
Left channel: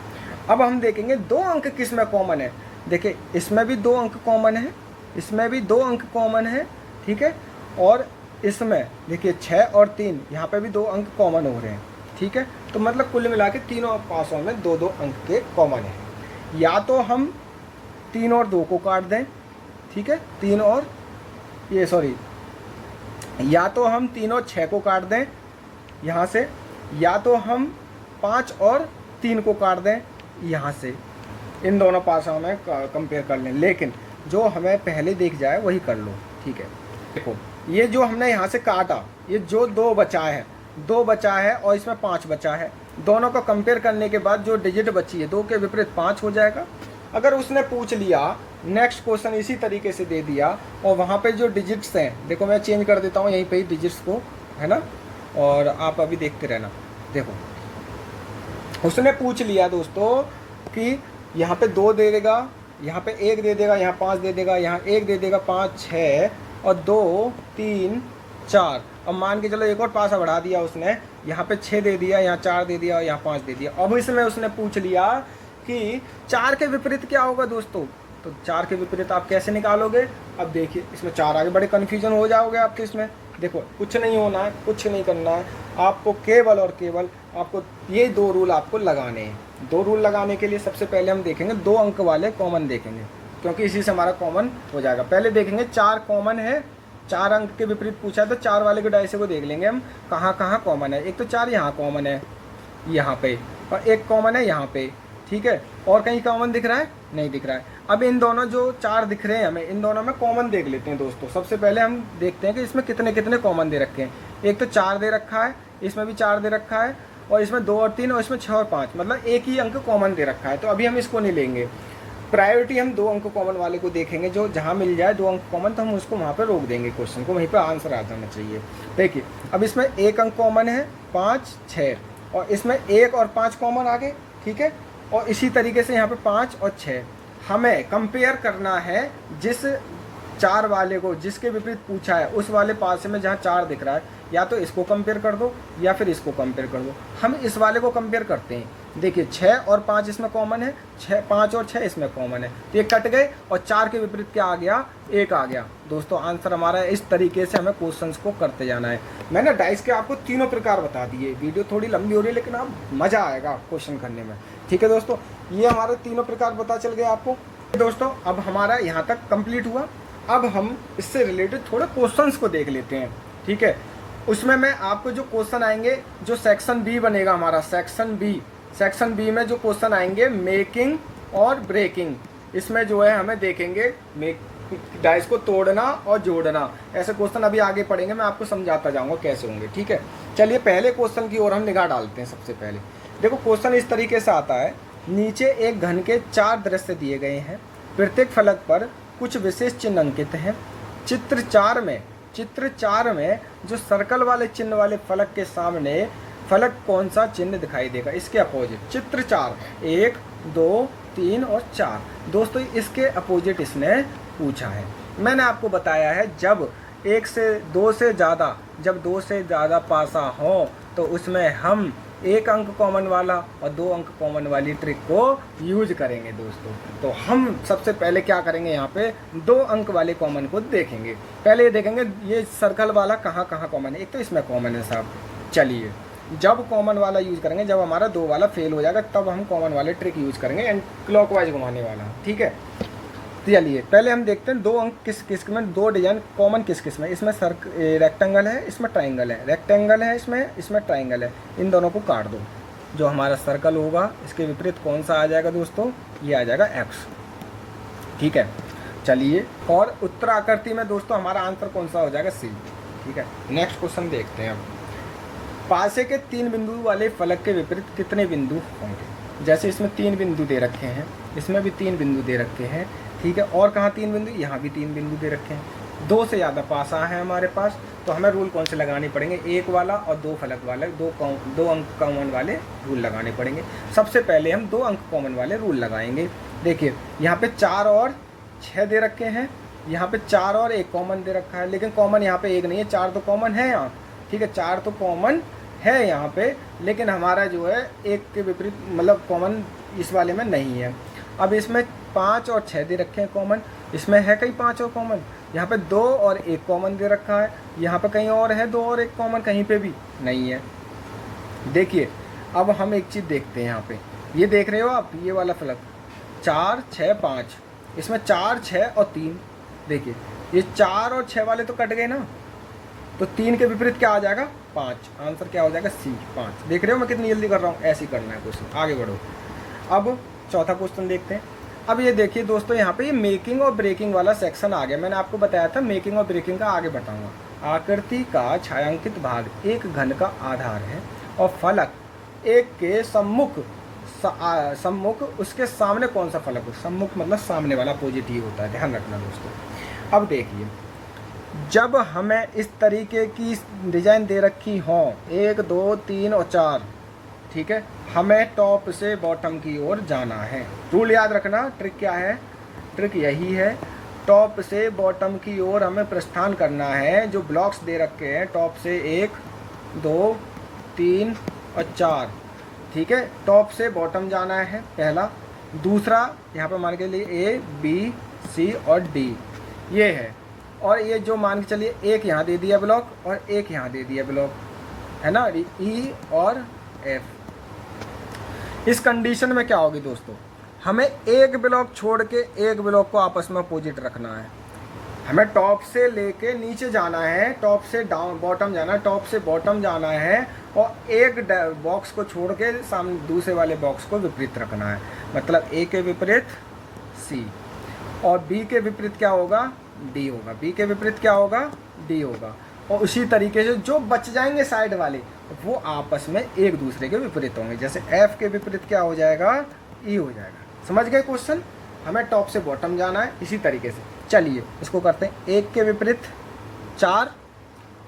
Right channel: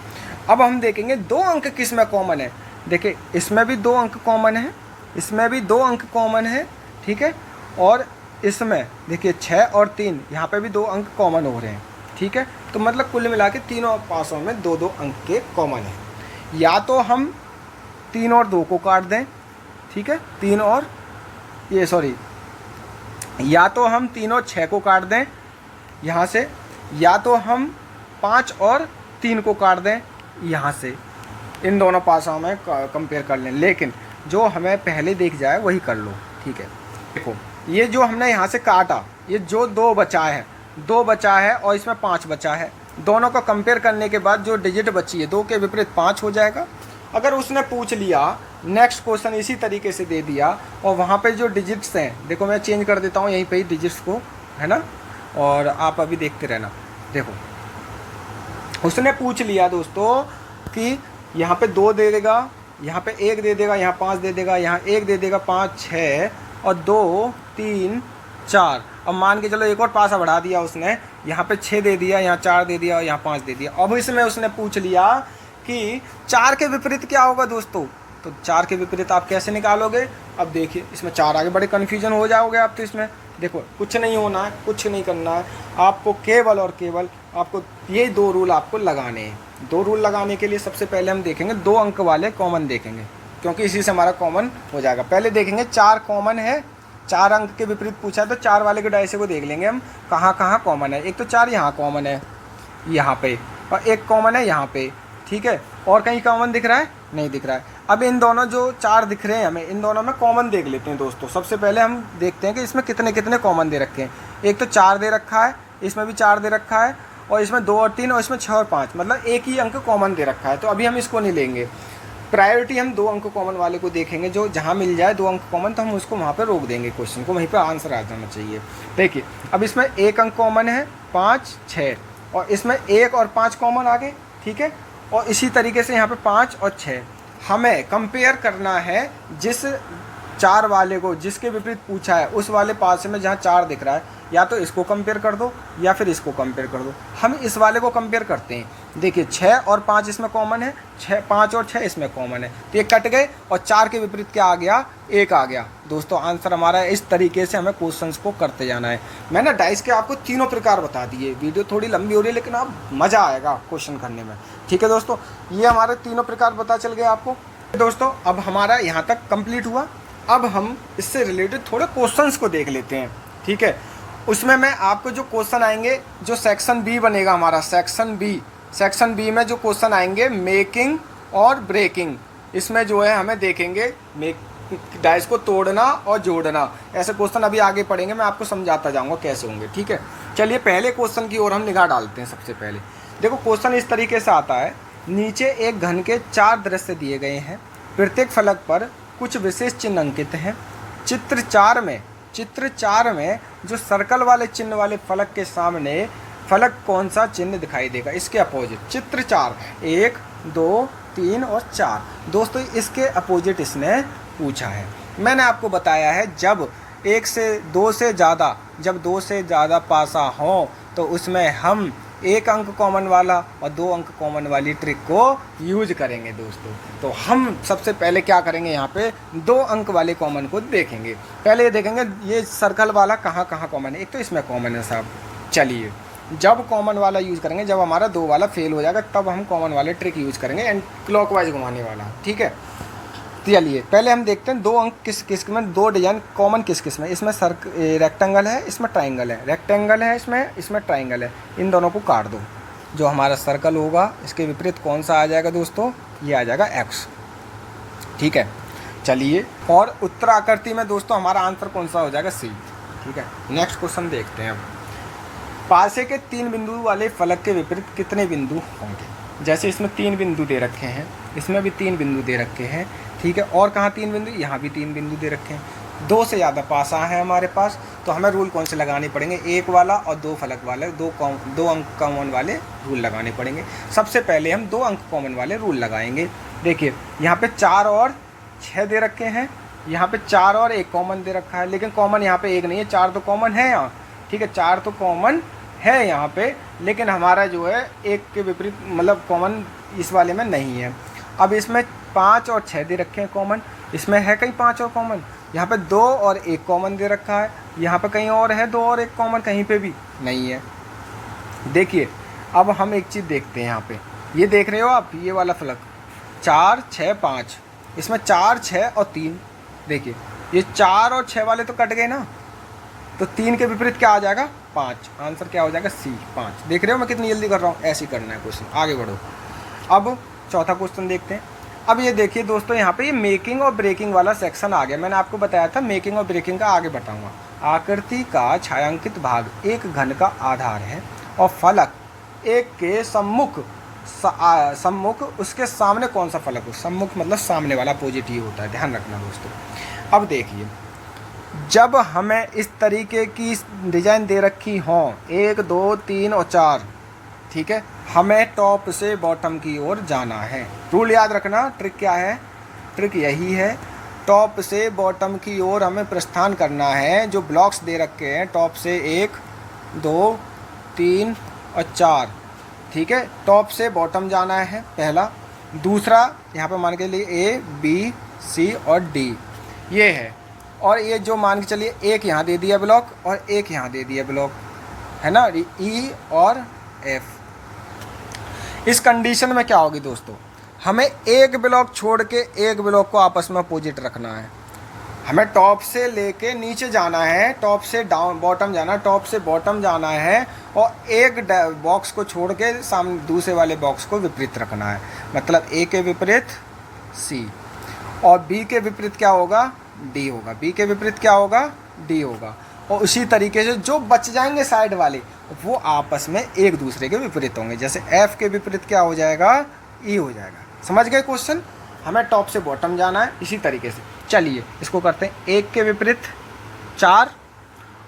अब हम देखेंगे 2 अंक किस में कॉमन है। देखिए इसमें भी 2 अंक कॉमन है, इसमें भी 2 अंक कॉमन है। ठीक है, और इसमें देखिए 6 और 3, यहाँ पे भी 2 अंक कॉमन हो रहे हैं। ठीक है, तो मतलब कुल मिला के तीनों पासों में 2-2 अंक के कॉमन है। या तो हम 3 और 2 को काट दें, ठीक है, 3 और ये सॉरी, या तो हम 3 और 6 को काट दें यहाँ से, या तो हम 5 और 3 को काट दें यहाँ से। इन दोनों पासों में कंपेयर कर लें, लेकिन जो हमें पहले दिख जाए वही कर लो। ठीक है, देखो ये जो हमने यहाँ से काटा, ये जो 2 बचा है, 2 बचा है और इसमें 5 बचा है, दोनों को कंपेयर करने के बाद जो डिजिट बची है 2 के विपरीत 5 हो जाएगा। अगर उसने पूछ लिया, नेक्स्ट क्वेश्चन इसी तरीके से दे दिया और वहाँ पे जो डिजिट्स हैं, देखो मैं चेंज कर देता हूँ यहीं पे ही डिजिट्स को, है ना, और आप अभी देखते रहना। देखो उसने पूछ लिया दोस्तों कि यहाँ पे 2 दे देगा, यहाँ पे 1 दे देगा, यहाँ 5 दे देगा, यहाँ 1 दे देगा, 5, 6 और 2, 3, 4। अब मान के चलो एक और पासा बढ़ा दिया उसने, यहाँ पे 6 दे दिया, यहाँ 4 दे दिया, यहाँ 5 दे दिया। अब इसमें उसने पूछ लिया कि 4 के विपरीत क्या होगा दोस्तों, तो 4 के विपरीत आप कैसे निकालोगे। अब देखिए इसमें 4 आगे बड़े कन्फ्यूजन हो जाओगे आप। तो इसमें देखो कुछ नहीं होना है, कुछ नहीं करना है आपको, केवल और केवल आपको ये 2 रूल आपको लगाने हैं। 2 रूल लगाने के लिए सबसे पहले हम देखेंगे 2 अंक वाले कॉमन देखेंगे, क्योंकि इसी से हमारा कॉमन हो जाएगा। पहले देखेंगे 4 कॉमन है, 4 अंक के विपरीत पूछा है तो 4 वाले के डायसे को देख लेंगे हम कहाँ कहाँ कॉमन है। एक तो 4 यहाँ कॉमन है यहाँ पे, और 1 कॉमन है यहाँ पे। ठीक है, और कहीं कॉमन दिख रहा है, नहीं दिख रहा है। अब इन दोनों जो 4 दिख रहे हैं हमें, इन दोनों में कॉमन देख लेते हैं दोस्तों। सबसे पहले हम देखते हैं कि इसमें कितने कितने कॉमन दे रखे हैं। एक तो 4 दे रखा है, इसमें भी 4 दे रखा है, और इसमें 2 और 3, और इसमें 6 और 5, मतलब एक ही अंक कॉमन दे रखा है। तो अभी हम इसको नहीं लेंगे, प्रायोरिटी हम 2 अंक कॉमन वाले को देखेंगे। जो जहाँ मिल जाए 2 अंक कॉमन तो हम उसको वहाँ पे रोक देंगे, क्वेश्चन को वहीं पे आंसर आ जाना चाहिए। देखिए अब इसमें 1 अंक कॉमन है, 5, 6, और इसमें 1 और 5 कॉमन आ गए। ठीक है, और इसी तरीके से यहाँ पे 5 और 6 हमें कंपेयर करना है जिस 4 वाले को जिसके विपरीत पूछा है उस वाले पास में जहाँ 4 दिख रहा है या तो इसको कंपेयर कर दो या फिर इसको कंपेयर कर दो। हम इस वाले को कंपेयर करते हैं। देखिए 6 और 5 इसमें कॉमन है, 5 और 6 इसमें कॉमन है, तो ये कट गए और 4 के विपरीत क्या आ गया, 1 आ गया। दोस्तों आंसर हमारा इस तरीके से हमें क्वेश्चंस को करते जाना है। मैंने डाइस के आपको तीनों प्रकार बता दिए। वीडियो थोड़ी लंबी हो रही है लेकिन आप मज़ा आएगा क्वेश्चन करने में। ठीक है दोस्तों, ये हमारे तीनों प्रकार पता चल गए आपको। दोस्तों अब हमारा यहाँ तक कंप्लीट हुआ। अब हम इससे रिलेटेड थोड़े क्वेश्चंस को देख लेते हैं। ठीक है, उसमें मैं आपको जो क्वेश्चन आएंगे, जो सेक्शन बी बनेगा हमारा, सेक्शन बी में जो क्वेश्चन आएंगे मेकिंग और ब्रेकिंग, इसमें जो है हमें देखेंगे डाइस को तोड़ना और जोड़ना। ऐसे क्वेश्चन अभी आगे पढ़ेंगे, मैं आपको समझाता जाऊंगा कैसे होंगे। ठीक है, चलिए पहले क्वेश्चन की ओर हम निगाह डालते हैं। सबसे पहले देखो क्वेश्चन इस तरीके से आता है। नीचे एक घन के 4 दृश्य दिए गए हैं, प्रत्येक फलक पर कुछ विशेष चिन्ह अंकित हैं। चित्र 4 में जो सर्कल वाले चिन्ह वाले फलक के सामने फलक कौन सा चिन्ह दिखाई देगा, इसके अपोजिट। चित्र 4 1 2 3 और 4। दोस्तों इसके अपोजिट इसने पूछा है। मैंने आपको बताया है जब 1 से 2 से ज़्यादा पासा हो तो उसमें हम 1 अंक कॉमन वाला और 2 अंक कॉमन वाली ट्रिक को यूज करेंगे दोस्तों। तो हम सबसे पहले क्या करेंगे, यहाँ पे 2 अंक वाले कॉमन को देखेंगे। पहले ये देखेंगे ये सर्कल वाला कहाँ कॉमन है। एक तो इसमें कॉमन है साहब। चलिए जब कॉमन वाला यूज़ करेंगे, जब हमारा 2 वाला फेल हो जाएगा तब हम कॉमन वाले ट्रिक यूज़ करेंगे, एंड क्लॉकवाइज घुमाने वाला। ठीक है, चलिए पहले हम देखते हैं 2 अंक किस में, 2 डिजाइन कॉमन किस में। इसमें रेक्टेंगल है, इसमें ट्राइंगल है, रेक्टेंगल है, इसमें ट्राइंगल है। इन दोनों को काट दो। जो हमारा सर्कल होगा इसके विपरीत कौन सा आ जाएगा दोस्तों, ये आ जाएगा एक्स। ठीक है, चलिए और उत्तराकृति में दोस्तों हमारा आंसर कौन सा हो जाएगा, सी। ठीक है, नेक्स्ट क्वेश्चन देखते हैं। पासे के 3 बिंदु वाले फलक के विपरीत कितने बिंदु होंगे। जैसे इसमें 3 बिंदु दे रखे हैं, इसमें भी 3 बिंदु दे रखे हैं। ठीक है, और कहाँ 3 बिंदु, यहाँ भी 3 बिंदु दे रखे हैं। 2 से ज़्यादा पासा है हमारे पास, तो हमें रूल कौन से लगाने पड़ेंगे, 1 वाला और 2 फलक वाले, 2 अंक कॉमन वाले रूल लगाने पड़ेंगे। सबसे पहले हम 2 अंक कॉमन वाले रूल लगाएंगे। देखिए यहाँ पे 4 और 6 दे रखे हैं, यहाँ पे 4 और 1 कॉमन दे रखा है, लेकिन कॉमन यहाँ पे 1 नहीं है, 4 तो कॉमन है यहाँ। ठीक है, 4 तो कॉमन है यहाँ पे, लेकिन हमारा जो है 1 के विपरीत मतलब कॉमन इस वाले में नहीं है। अब इसमें 5 और 6 दे रखे हैं कॉमन, इसमें है कहीं 5 और कॉमन, यहाँ पे 2 और 1 कॉमन दे रखा है, यहाँ पे कहीं और है 2 और 1 कॉमन, कहीं पे भी नहीं है। देखिए अब हम एक चीज़ देखते हैं, यहाँ पे ये देख रहे हो आप, ये वाला फलक 4 6 5, इसमें 4 6 और 3। देखिए ये 4 और 6 वाले तो कट गए ना, तो 3 के विपरीत क्या आ जाएगा, 5। आंसर क्या हो जाएगा, सी 5। देख रहे हो मैं कितनी जल्दी कर रहा हूँ, ऐसे ही करना है क्वेश्चन। आगे बढ़ो। अब चौथा क्वेश्चन देखते हैं। अब ये देखिए दोस्तों, यहाँ पे ये मेकिंग और ब्रेकिंग वाला सेक्शन आ गया। मैंने आपको बताया था मेकिंग और ब्रेकिंग का आगे बताऊंगा। आकृति का छायांकित भाग एक घन का आधार है और फलक एक के सम्मुख उसके सामने कौन सा फलक हो। सम्मुख मतलब सामने वाला, पॉजिटिव होता है, ध्यान रखना दोस्तों। अब देखिए जब हमें इस तरीके की डिजाइन दे रखी हो 1 2 3 और 4, ठीक है, हमें टॉप से बॉटम की ओर जाना है। रूल याद रखना, ट्रिक क्या है, ट्रिक यही है, टॉप से बॉटम की ओर हमें प्रस्थान करना है। जो ब्लॉक्स दे रखे हैं टॉप से 1 2 3 और 4, ठीक है, टॉप से बॉटम जाना है पहला। दूसरा यहाँ पे मान के लिए A B C और D ये है, और ये जो मान के चलिए एक यहाँ दे दिया ब्लॉक और एक यहाँ दे दिया ब्लॉक, है ना, E और F। इस कंडीशन में क्या होगी दोस्तों, हमें एक ब्लॉक छोड़ के एक ब्लॉक को आपस में अपोजिट रखना है। हमें टॉप से लेके नीचे जाना है, टॉप से डाउन बॉटम जाना है, टॉप से बॉटम जाना है, और एक बॉक्स को छोड़ के सामने दूसरे वाले बॉक्स को विपरीत रखना है। मतलब A के विपरीत C और B के विपरीत क्या होगा, D होगा, B के विपरीत क्या होगा, D होगा। और उसी तरीके से जो बच जाएंगे साइड वाले वो आपस में एक दूसरे के विपरीत होंगे। जैसे F के विपरीत क्या हो जाएगा, E हो जाएगा। समझ गए क्वेश्चन, हमें टॉप से बॉटम जाना है। इसी तरीके से चलिए इसको करते हैं। 1 के विपरीत 4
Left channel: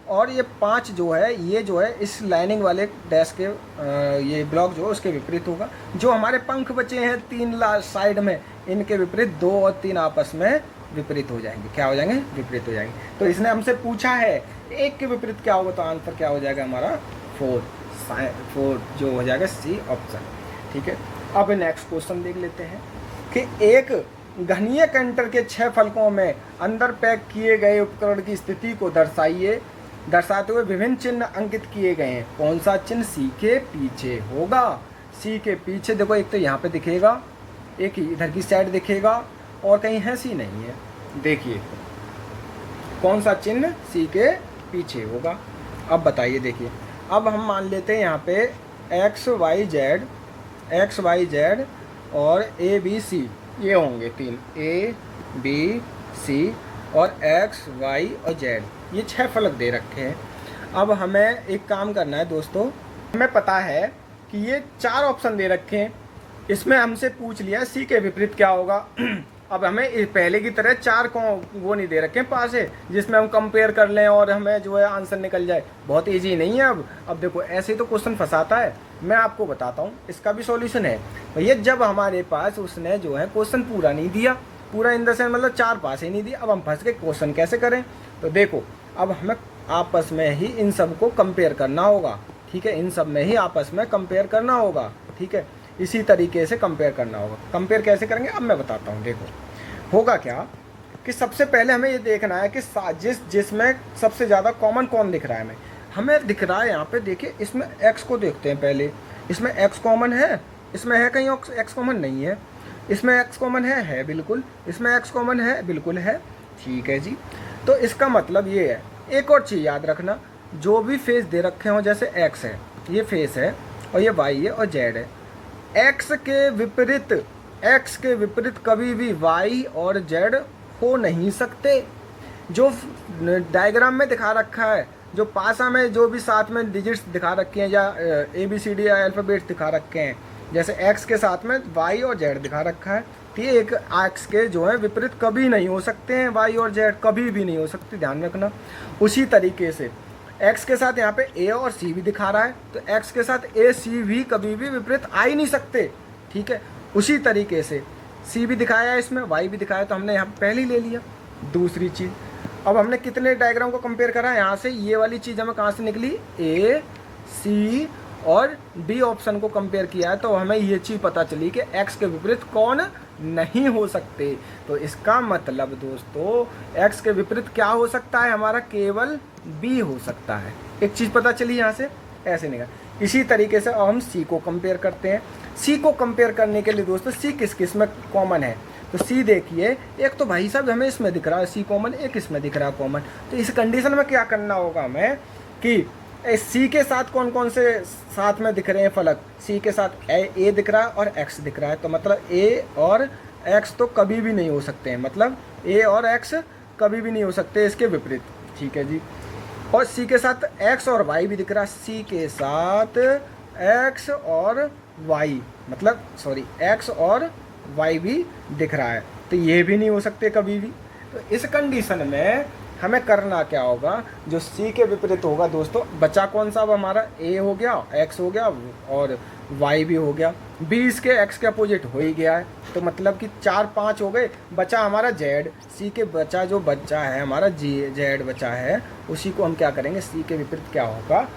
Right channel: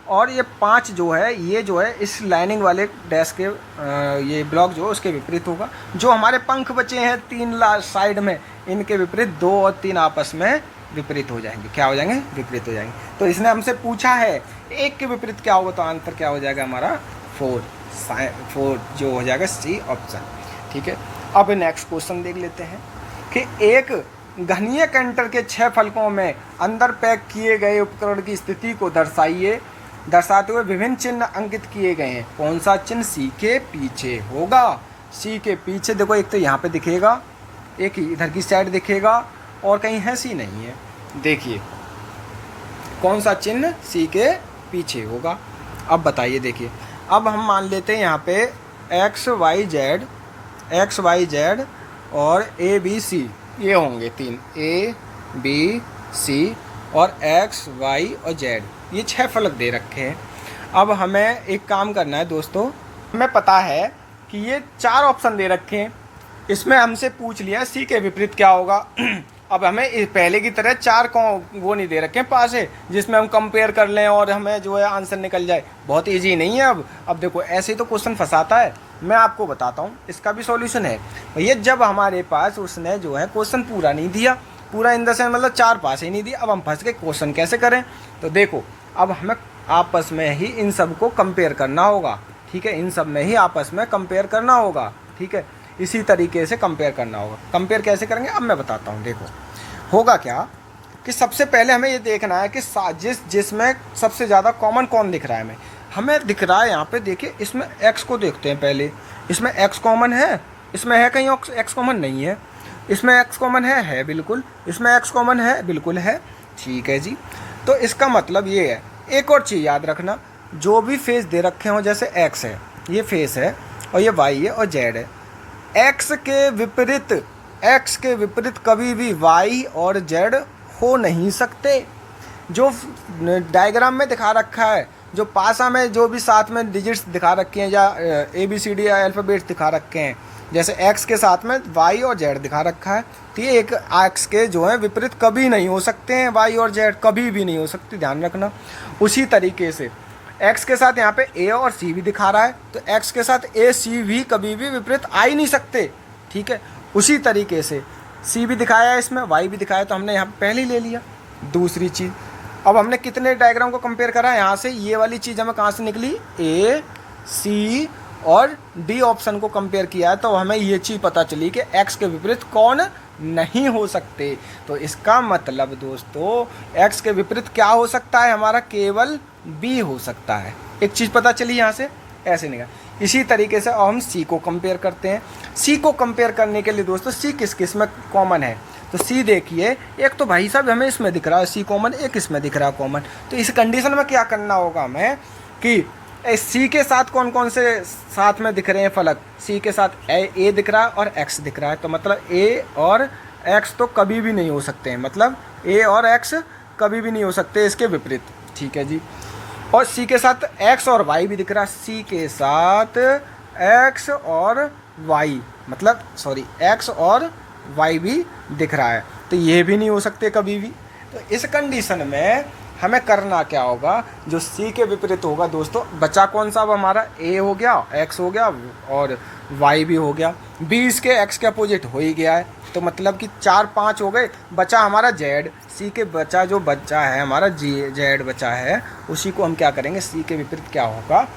और ये 5 जो है, ये जो है इस लाइनिंग वाले डैश के ये ब्लॉक जो है उसके विपरीत होगा। जो हमारे पंख बचे हैं 3 साइड में, इनके विपरीत 2 और 3 आपस में विपरीत हो जाएंगे। क्या हो जाएंगे? विपरीत हो जाएंगे। तो इसने हमसे पूछा है 1 के विपरीत क्या होगा, तो आंसर क्या हो जाएगा हमारा 4 जो हो जाएगा सी ऑप्शन। ठीक है, अब नेक्स्ट क्वेश्चन देख लेते हैं कि एक घनीय कंटर के 6 फलकों में अंदर पैक किए गए उपकरण की स्थिति को दर्शाते हुए विभिन्न चिन्ह अंकित किए गए हैं। कौन सा चिन्ह सी के पीछे होगा? सी के पीछे देखो, एक तो यहाँ पे दिखेगा, एक इधर की साइड दिखेगा, और कहीं है सी नहीं है। देखिए कौन सा चिन्ह सी के पीछे होगा। अब बताइए, देखिए अब हम मान लेते हैं यहाँ पे एक्स वाई जेड और ए बी सी, ये होंगे 3 ए बी सी और एक्स वाई और जेड, ये 6 फलक दे रखे हैं। अब हमें एक काम करना है दोस्तों, हमें पता है कि ये 4 ऑप्शन दे रखे हैं, इसमें हमसे पूछ लिया सी के विपरीत क्या होगा। अब हमें पहले की तरह 4 को वो नहीं दे रखे हैं पास है जिसमें हम कंपेयर कर लें और हमें जो है आंसर निकल जाए। बहुत इजी नहीं है। अब देखो ऐसे ही तो क्वेश्चन फंसाता है। मैं आपको बताता हूँ, इसका भी सॉल्यूशन है भैया। जब हमारे पास उसने जो है क्वेश्चन पूरा नहीं दिया, पूरा इन द सेंस मतलब 4 पास ही नहीं दिया, अब हम फंस के क्वेश्चन कैसे करें? तो देखो अब हमें आपस में ही इन सब को कंपेयर करना होगा। ठीक है, इन सब में ही आपस में कंपेयर करना होगा। ठीक है, इसी तरीके से कंपेयर करना होगा। कंपेयर कैसे करेंगे अब मैं बताता हूँ। देखो होगा क्या कि सबसे पहले हमें ये देखना है कि जिसमें सबसे ज़्यादा कॉमन कौन दिख रहा है। हमें दिख रहा है यहाँ पे, देखिए इसमें x को देखते हैं पहले। इसमें x कॉमन है? इसमें है कहीं x कॉमन? नहीं है। इसमें x कॉमन है बिल्कुल। इसमें x कॉमन है, बिल्कुल है। ठीक है जी, तो इसका मतलब ये है, एक और चीज़ याद रखना, जो भी फेस दे रखे हों, जैसे x है, ये फेस है, और ये y है और z है, x के विपरीत कभी भी y और z हो नहीं सकते। जो डायग्राम में दिखा रखा है, जो पासा में जो भी साथ में डिजिट्स दिखा रखे हैं या ABCD या अल्फ़ाबेट्स दिखा रखे हैं, जैसे x के साथ में y और z दिखा रखा है, तो ये एक x के जो है विपरीत कभी नहीं हो सकते हैं, y और z कभी भी नहीं हो सकती, ध्यान रखना। उसी तरीके से x के साथ यहाँ पे a और c भी दिखा रहा है, तो x के साथ a c भी कभी भी विपरीत आ ही नहीं सकते। ठीक है, उसी तरीके से c भी दिखाया है, इसमें y भी दिखाया, तो हमने यहाँ पे पहले ही ले लिया। दूसरी चीज़, अब हमने कितने डायग्राम को कंपेयर करा? यहाँ से ये वाली चीज़ हमें कहाँ से निकली? A, C और D ऑप्शन को कंपेयर किया है, तो हमें ये चीज़ पता चली कि x के विपरीत कौन नहीं हो सकते। तो इसका मतलब दोस्तों x के विपरीत क्या हो सकता है हमारा? केवल B हो सकता है। एक चीज़ पता चली यहाँ से, ऐसे नहीं। इसी तरीके से अब हम C को कंपेयर करते हैं। C को कंपेयर करने के लिए दोस्तों C किस किस में कॉमन है? तो C देखिए, एक तो भाई साहब हमें इसमें दिख रहा है C कॉमन, एक इसमें दिख रहा है कॉमन। तो इस कंडीशन में क्या करना होगा हमें कि C के साथ कौन कौन से साथ में दिख रहे हैं फलक? C के साथ A दिख रहा है और X दिख रहा है, तो मतलब A और X तो कभी भी नहीं हो सकते हैं, मतलब A और X कभी भी नहीं हो सकते इसके विपरीत। ठीक है जी, और C के साथ X और Y भी दिख रहा है, C के साथ X और Y मतलब सॉरी X और Y भी दिख रहा है, तो ये भी नहीं हो सकते कभी भी। तो इस कंडीशन में हमें करना क्या होगा? जो C के विपरीत होगा दोस्तों, बचा कौन सा? अब हमारा A हो गया, X हो गया और Y भी हो गया। B इसके X के अपोजिट हो ही गया है, तो मतलब कि 4-5 हो गए। बचा हमारा Z, C के बचा जो बच्चा है हमारा Z बचा है, उसी को हम क्या करेंगे? C के विपरीत क्या होगा?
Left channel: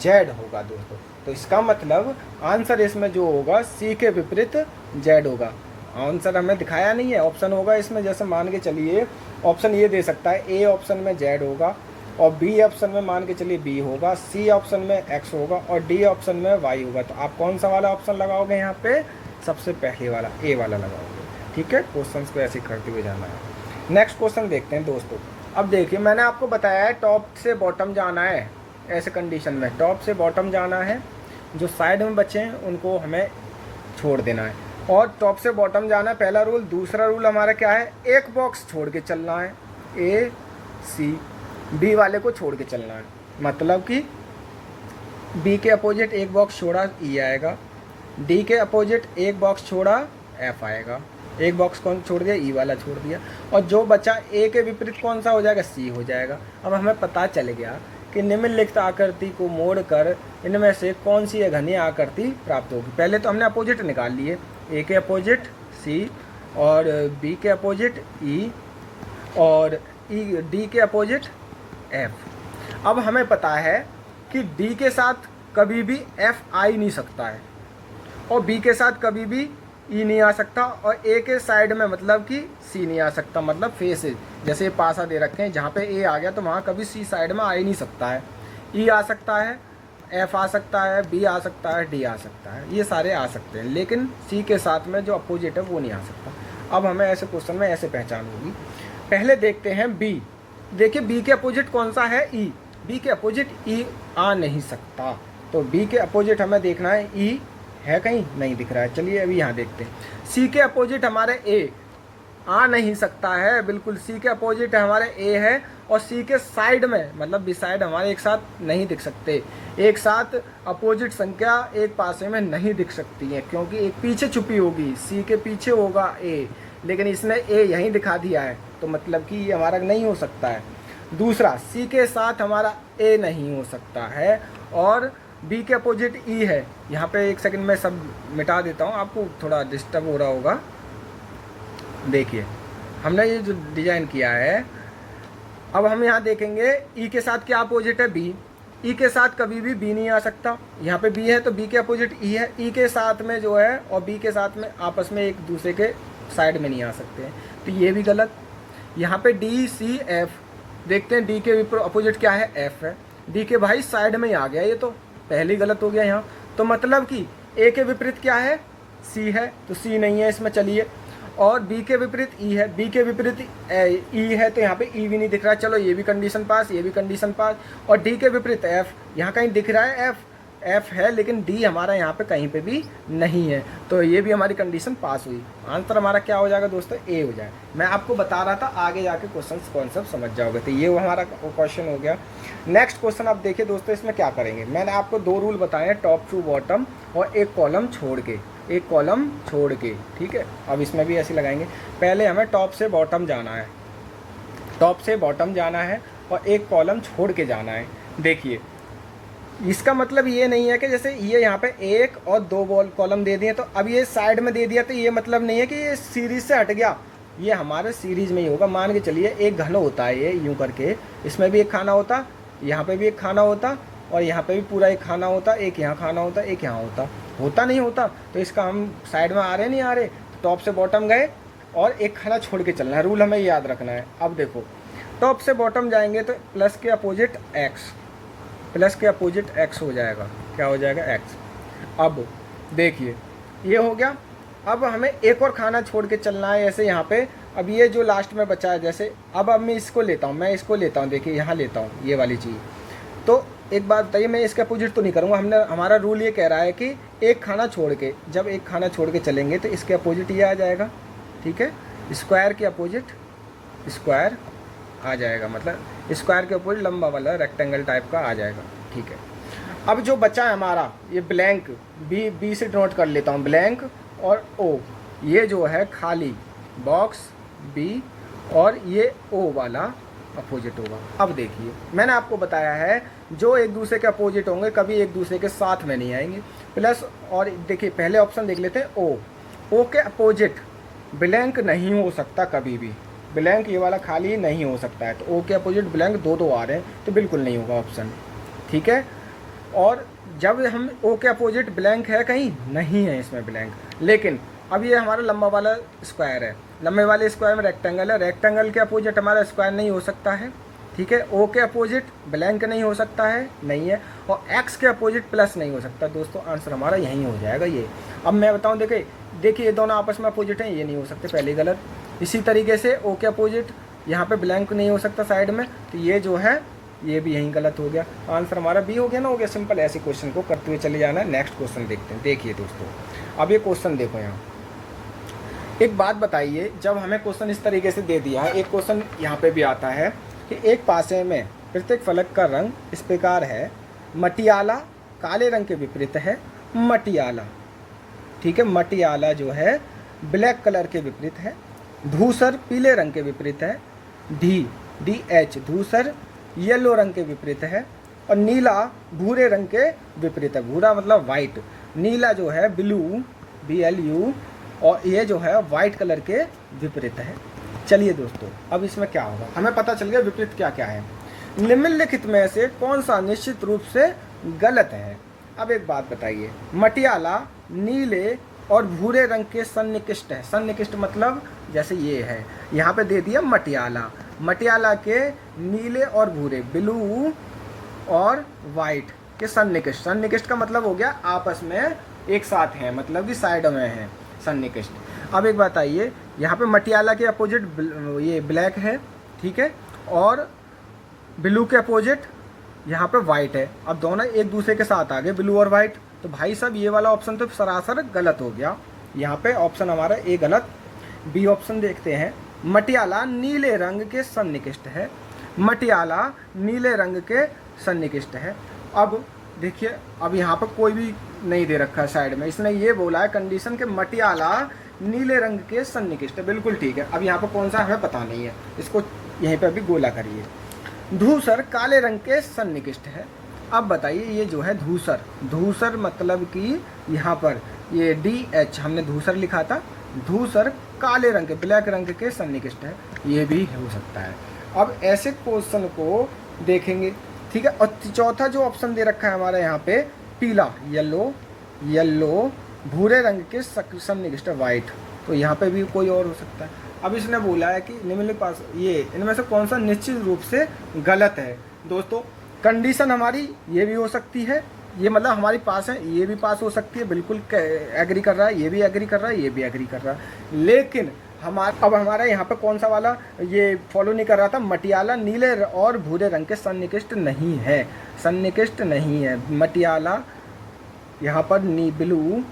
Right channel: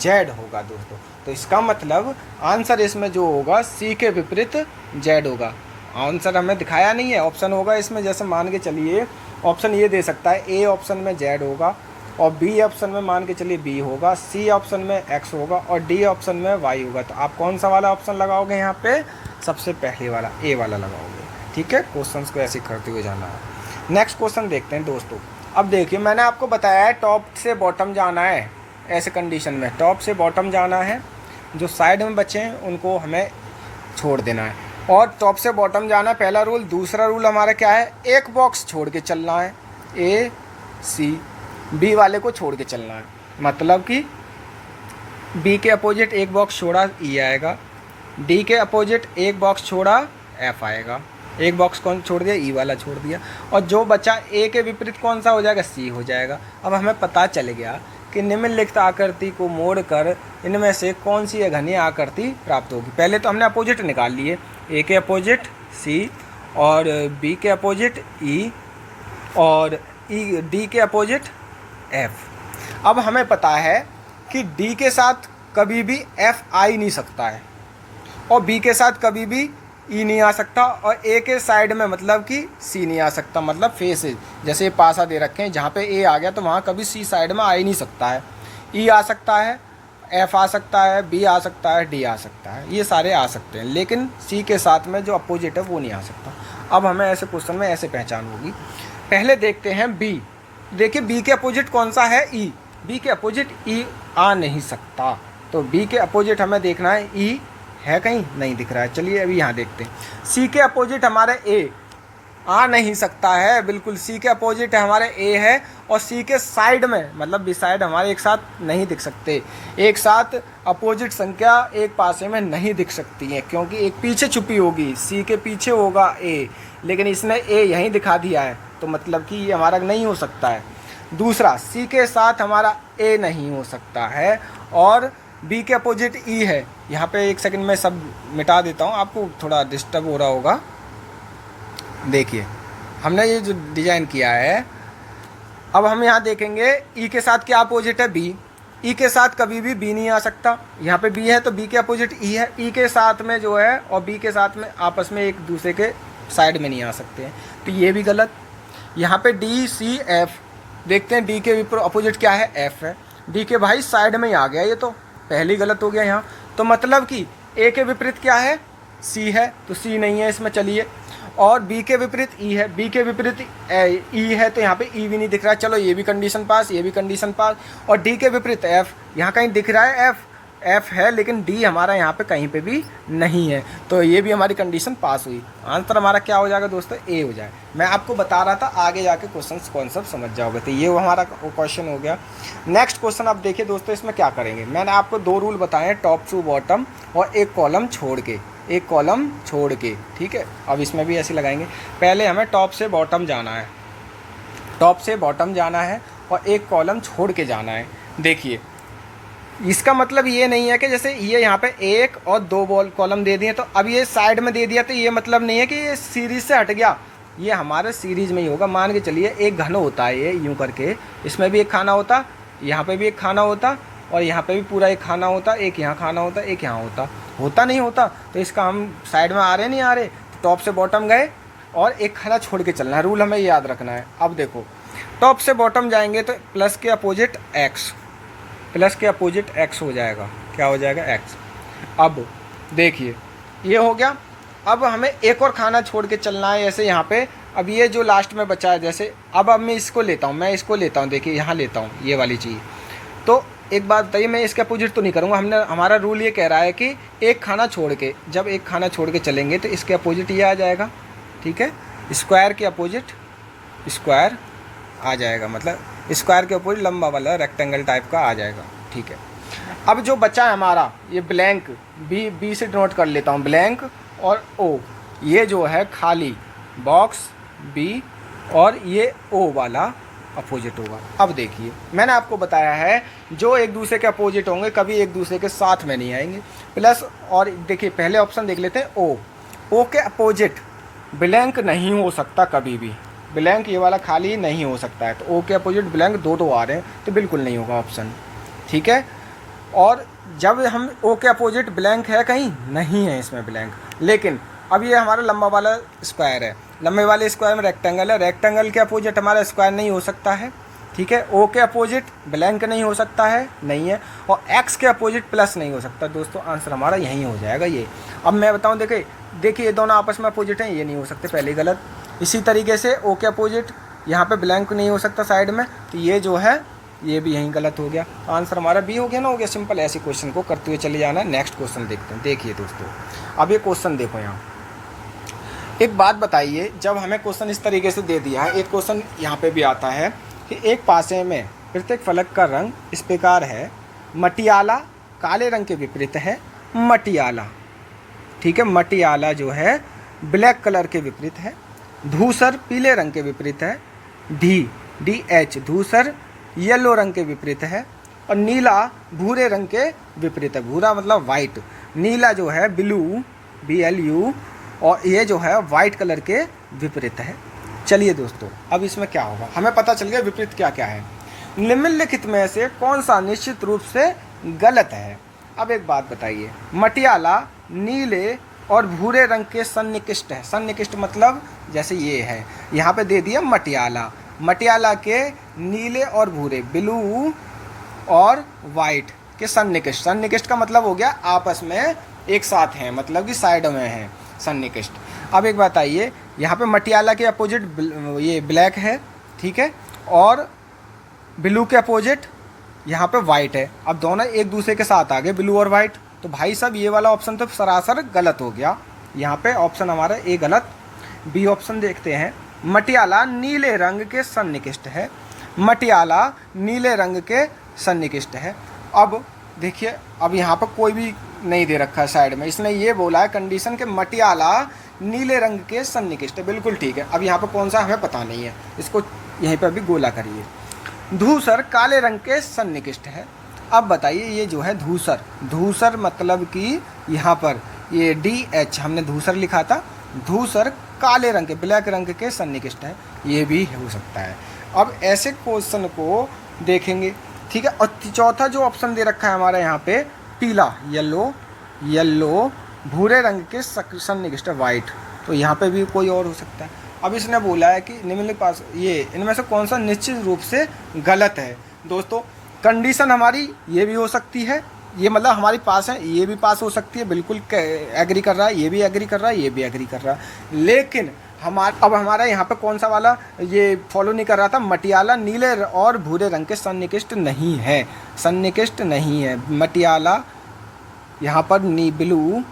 Z होगा दोस्तों। तो इसका मतलब आंसर इसमें जो होगा C के विपरीत Z होगा। आंसर हमें दिखाया नहीं है, ऑप्शन होगा इसमें। जैसे मान के चलिए ऑप्शन ये दे सकता है, A ऑप्शन में Z होगा और B ऑप्शन में मान के चलिए B होगा, C ऑप्शन में X होगा और D ऑप्शन में Y होगा। तो आप कौन सा वाला ऑप्शन लगाओगे यहाँ पे? सबसे पहले वाला, A वाला लगाओगे। ठीक है, क्वेश्चंस को ऐसे करते हुए जाना है। नेक्स्ट क्वेश्चन देखते हैं दोस्तों। अब देखिए मैंने आपको बताया है टॉप से बॉटम जाना है। ऐसे कंडीशन में टॉप से बॉटम जाना है, जो साइड में बचे हैं उनको हमें छोड़ देना है, और टॉप से बॉटम जाना है, पहला रूल। दूसरा रूल हमारा क्या है? एक बॉक्स छोड़ के चलना है, A C B वाले को छोड़ के चलना है। मतलब कि B के अपोजिट एक बॉक्स छोड़ा E आएगा, D के अपोजिट एक बॉक्स छोड़ा F आएगा। एक बॉक्स कौन छोड़ दिया? E वाला छोड़ दिया, और जो बचा A के विपरीत कौन सा हो जाएगा? C हो जाएगा। अब हमें पता चल गया कि निम्नलिखित आकृति को मोड़कर इनमें से कौन सी घनीय आकृति प्राप्त होगी। पहले तो हमने अपोजिट निकाल लिए, A के अपोजिट C और B के अपोजिट E और डी के अपोजिट एफ। अब हमें पता है कि डी के साथ कभी भी एफ आ ही नहीं सकता है और बी के साथ कभी भी ई नहीं आ सकता और ए के साइड में मतलब कि सी नहीं आ सकता, मतलब फेसेज जैसे पासा दे रखे हैं जहाँ पे ए आ गया तो वहाँ कभी सी साइड में आ ही नहीं सकता है। ई आ सकता है, एफ आ सकता है, बी आ सकता है, डी आ सकता है, ये सारे आ सकते हैं, लेकिन सी के साथ में जो अपोजिट है वो नहीं आ सकता। अब हमें ऐसे क्वेश्चन में ऐसे पहचान होगी। पहले देखते हैं बी। देखिए बी के अपोजिट कौन सा है? ई। बी के अपोजिट ई आ नहीं सकता, तो बी के अपोजिट हमें देखना है ई है कहीं नहीं दिख रहा है। चलिए अभी यहाँ देखते हैं। सी के अपोजिट हमारे ए आ नहीं सकता है, बिल्कुल सी के अपोजिट हमारे ए है और सी के साइड में मतलब बिसाइड हमारे एक साथ नहीं दिख सकते। एक साथ अपोजिट संख्या एक पासे में नहीं दिख सकती है क्योंकि एक पीछे छुपी होगी, सी के पीछे होगा ए, लेकिन इसने ए यहीं दिखा दिया है तो मतलब कि ये हमारा नहीं हो सकता है। दूसरा, सी के साथ हमारा ए नहीं हो सकता है और बी के अपोजिट ई है। यहाँ पे एक सेकंड में सब मिटा देता हूँ, आपको थोड़ा डिस्टर्ब हो रहा होगा। देखिए हमने ये जो डिज़ाइन किया है, अब हम यहाँ देखेंगे ई के साथ क्या अपोजिट है? बी। ई के साथ कभी भी बी नहीं आ सकता, यहाँ पे बी है तो बी के अपोजिट ई है। ई के साथ में जो है और बी के साथ में आपस में एक दूसरे के साइड में नहीं आ सकते हैं, तो ये भी गलत। यहाँ पे डी सी एफ देखते हैं, डी के अपोजिट क्या है? एफ है। डी के भाई साइड में ही आ गया, ये तो पहली गलत हो गया यहाँ। तो मतलब कि ए के विपरीत क्या है? सी है, तो सी नहीं है इसमें। चलिए, और बी के विपरीत ई है, बी के विपरीत ई है तो यहाँ पे ई भी नहीं दिख रहा। चलो ये भी कंडीशन पास, ये भी कंडीशन पास। और डी के विपरीत एफ, यहाँ कहीं दिख रहा है एफ, एफ है लेकिन डी हमारा यहाँ पे कहीं पे भी नहीं है, तो ये भी हमारी कंडीशन पास हुई। आंसर हमारा क्या हो जाएगा दोस्तों? ए हो जाए। मैं आपको बता रहा था आगे जाके क्वेश्चन कॉन्सेप्ट समझ जाओगे, तो ये वो हमारा क्वेश्चन हो गया। नेक्स्ट क्वेश्चन आप देखिए दोस्तों, इसमें क्या करेंगे। मैंने आपको 2 रूल बताए हैं, टॉप टू बॉटम और एक कॉलम छोड़ के, एक कॉलम छोड़ के, ठीक है। अब इसमें भी ऐसे लगाएंगे। पहले हमें टॉप से बॉटम जाना है, टॉप से बॉटम जाना है और एक कॉलम छोड़ के जाना है। देखिए इसका मतलब ये नहीं है कि जैसे ये यहाँ पे 1 और 2 कॉलम दे दिए तो अब ये साइड में दे दिया, तो ये मतलब नहीं है कि ये सीरीज से हट गया, ये हमारे सीरीज में ही होगा। मान के चलिए एक घन होता है ये यूँ करके, इसमें भी एक खाना होता, यहाँ पे भी एक खाना होता और यहाँ पे भी पूरा एक खाना होता, एक यहाँ खाना होता, एक यहाँ होता नहीं होता, तो इसका हम साइड में आ रहे नहीं आ रहे, तो टॉप से बॉटम गए और एक खाना छोड़ के चलना है। रूल हमें याद रखना है। अब देखो टॉप से बॉटम जाएंगे तो प्लस के अपोजिट एक्स, प्लस के अपोजिट एक्स हो जाएगा। क्या हो जाएगा? एक्स। अब देखिए ये हो गया। अब हमें एक और खाना छोड़ के चलना है ऐसे यहाँ पे। अब ये जो लास्ट में बचा है, जैसे अब मैं इसको लेता हूँ, मैं इसको लेता हूँ, देखिए यहाँ लेता हूँ ये वाली चीज़। तो एक बात बताइए, मैं इसके अपोजिट तो नहीं करूँगा। हमारा रूल ये कह रहा है कि एक खाना छोड़ के, जब एक खाना छोड़ के चलेंगे तो इसके अपोजिट ये आ जाएगा, ठीक है। स्क्वायर के अपोजिट स्क्वायर आ जाएगा, मतलब स्क्वायर के ऊपर लंबा वाला रेक्टेंगल टाइप का आ जाएगा, ठीक है। अब जो बचा है हमारा ये ब्लैंक, बी से डिनोट कर लेता हूँ, ब्लैंक और ओ, ये जो है खाली बॉक्स बी और ये ओ वाला अपोजिट होगा। अब देखिए मैंने आपको बताया है जो एक दूसरे के अपोजिट होंगे कभी एक दूसरे के साथ में नहीं आएंगे। प्लस और देखिए पहले ऑप्शन देख लेते हैं, ओ के अपोजिट ब्लैंक नहीं हो सकता कभी भी, ब्लैंक ये वाला खाली नहीं हो सकता है, तो ओ के अपोजिट ब्लैंक दो आ रहे हैं तो बिल्कुल नहीं होगा ऑप्शन, ठीक है। और जब हम ओ के अपोजिट ब्लैंक है कहीं नहीं है इसमें ब्लैंक, लेकिन अब ये हमारा लंबा वाला स्क्वायर है, लंबे वाले स्क्वायर में रेक्टेंगल है, रेक्टेंगल के अपोजिट हमारा स्क्वायर नहीं हो सकता है, ठीक है। ओ के अपोजिट ब्लैंक नहीं हो सकता है, नहीं है, और एक्स के अपोजिट प्लस नहीं हो सकता। दोस्तों आंसर हमारा यहीं हो जाएगा ये। अब मैं बताऊं, देखिए ये दोनों आपस में अपोजिट हैं, ये नहीं हो सकते, पहले गलत। इसी तरीके से ओ के अपोजिट यहाँ पे ब्लैंक नहीं हो सकता साइड में, तो ये जो है ये भी यहीं गलत हो गया। आंसर हमारा बी हो गया ना, हो गया सिंपल। ऐसे क्वेश्चन को करते हुए चले जाना। नेक्स्ट क्वेश्चन देखते हैं। देखिए दोस्तों अब ये क्वेश्चन देखो, यहाँ एक बात बताइए, जब हमें क्वेश्चन इस तरीके से दे दिया है, एक क्वेश्चन यहाँ पे भी आता है कि एक पासे में प्रत्येक फलक का रंग इस प्रकार है, मटियाला काले रंग के विपरीत है, मटियाला, ठीक है, मटियाला जो है ब्लैक कलर के विपरीत है, धूसर पीले रंग के विपरीत है, डी एच धूसर येलो रंग के विपरीत है, और नीला भूरे रंग के विपरीत है। भूरा मतलब वाइट, नीला जो है ब्लू BLU, और ये जो है वाइट कलर के विपरीत है। चलिए दोस्तों, अब इसमें क्या होगा हमें पता चल गया विपरीत क्या क्या है। निम्नलिखित में से कौन सा निश्चित रूप से गलत है। अब एक बात बताइए, मटियाला नीले और भूरे रंग के सन्निकृष्ट है। सन्निकृष्ट मतलब जैसे ये है, यहाँ पे दे दिया मटियाला, मटियाला के नीले और भूरे, ब्लू और वाइट के सन्निकृष्ट। सन्निकृष्ट का मतलब हो गया आपस में एक साथ हैं, मतलब कि साइड में हैं सन्निकृष्ट। अब एक बात आइए, यहाँ पे मटियाला के अपोजिट ये ब्लैक है, ठीक है, और ब्लू के अपोजिट यहाँ पे वाइट है। अब दोनों एक दूसरे के साथ आ गए, ब्लू और वाइट, तो भाई साहब ये वाला ऑप्शन तो सरासर गलत हो गया। यहाँ पे ऑप्शन हमारा ए गलत। बी ऑप्शन देखते हैं, मटियाला नीले रंग के सन्निकृष्ट है। मटियाला नीले रंग के सन्निकृष्ट है। अब देखिए, अब यहाँ पर कोई भी नहीं दे रखा है साइड में, इसने ये बोला है कंडीशन के मटियाला नीले रंग के सन्निकृष्ट है, बिल्कुल ठीक है। अब यहाँ पर कौन सा हमें पता नहीं है, इसको यहीं पर भी गोला करिए। धूसर काले रंग के सन्निकृष्ट है। अब बताइए, ये जो है धूसर, धूसर मतलब कि यहाँ पर ये DH हमने धूसर लिखा था, धूसर काले रंग के, ब्लैक रंग के सन्निकृष्ट है, ये भी हो सकता है। अब ऐसे क्वेश्चन को देखेंगे, ठीक है। और चौथा जो ऑप्शन दे रखा है हमारा यहाँ पे पीला, येलो भूरे रंग के सन्निकृष्ट वाइट, तो यहाँ पे भी कोई और हो सकता है। अब इसने बोला है कि निम्नलिखित पास ये इनमें से कौन सा निश्चित रूप से गलत है। दोस्तों, कंडीशन हमारी ये भी हो सकती है, ये मतलब हमारे पास है, ये भी पास हो सकती है, बिल्कुल एग्री कर रहा है, ये भी एग्री कर रहा है, ये भी एग्री कर रहा है, लेकिन हमारा यहाँ पे कौन सा वाला ये फॉलो नहीं कर रहा था, मटियाला नीले और भूरे रंग के सन्निकृष्ट नहीं है, सन्निकृष्ट नहीं है मटियाला यहाँ पर ब्लू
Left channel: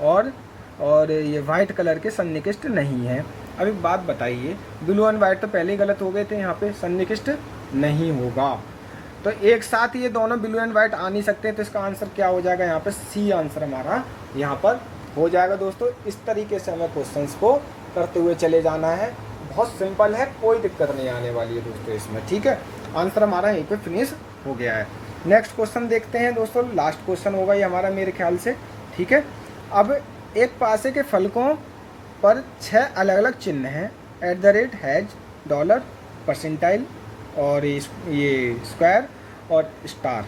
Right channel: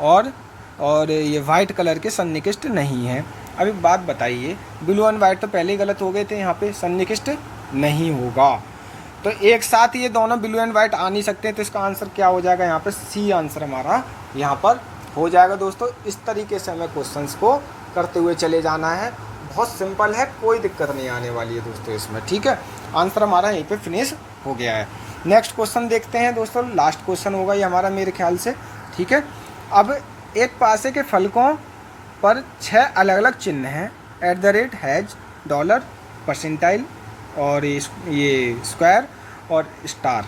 और ये वाइट कलर के सन्निकृष्ट नहीं है। अभी बात बताइए, ब्लू एंड वाइट तो पहले ही गलत हो गए थे, यहाँ पे सन्निकृष्ट नहीं होगा, तो एक साथ ये दोनों ब्लू एंड वाइट आ नहीं सकते, तो इसका आंसर क्या हो जाएगा, यहाँ पे सी आंसर हमारा यहाँ पर हो जाएगा। दोस्तों, इस तरीके से हमें क्वेश्चंस को करते हुए चले जाना है, बहुत सिंपल है, कोई दिक्कत नहीं आने वाली है दोस्तों इसमें, ठीक है। आंसर हमारा यहीं पे फिनिश हो गया है। नेक्स्ट क्वेश्चन देखते हैं दोस्तों, लास्ट क्वेश्चन होगा ये हमारा मेरे ख्याल से, ठीक है। अब एक पासे के फलकों पर 6 अलग अलग चिन्ह हैं, @ हैज, डॉलर, परसेंटाइल और ये स्क्वायर और स्टार,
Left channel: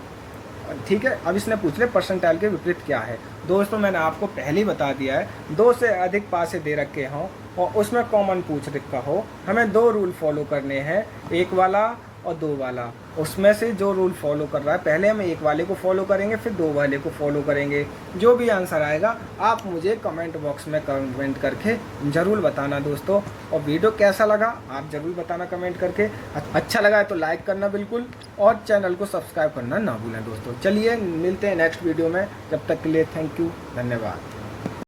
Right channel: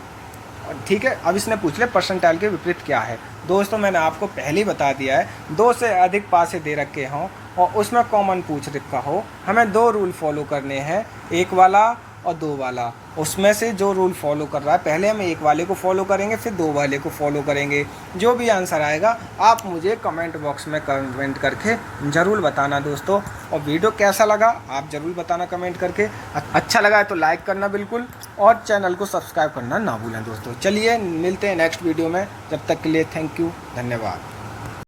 ठीक है। अब इसने पूछ लिया परसेंटाइल के विपरीत क्या है। दोस्तों, मैंने आपको पहले ही बता दिया है, 2 से अधिक पासे दे रखे हों और उसमें कॉमन पूछ रखा हो, हमें 2 रूल फॉलो करने हैं, एक वाला और 2 वाला। उसमें से जो रूल फॉलो कर रहा है, पहले हम एक वाले को फॉलो करेंगे, फिर 2 वाले को फॉलो करेंगे। जो भी आंसर आएगा आप मुझे कमेंट बॉक्स में कमेंट करके ज़रूर बताना दोस्तों, और वीडियो कैसा लगा आप ज़रूर बताना कमेंट करके। अच्छा लगा है तो लाइक करना बिल्कुल, और चैनल को सब्सक्राइब करना ना भूलें दोस्तों। चलिए मिलते हैं नेक्स्ट वीडियो में, जब तक के लिए थैंक यू, धन्यवाद।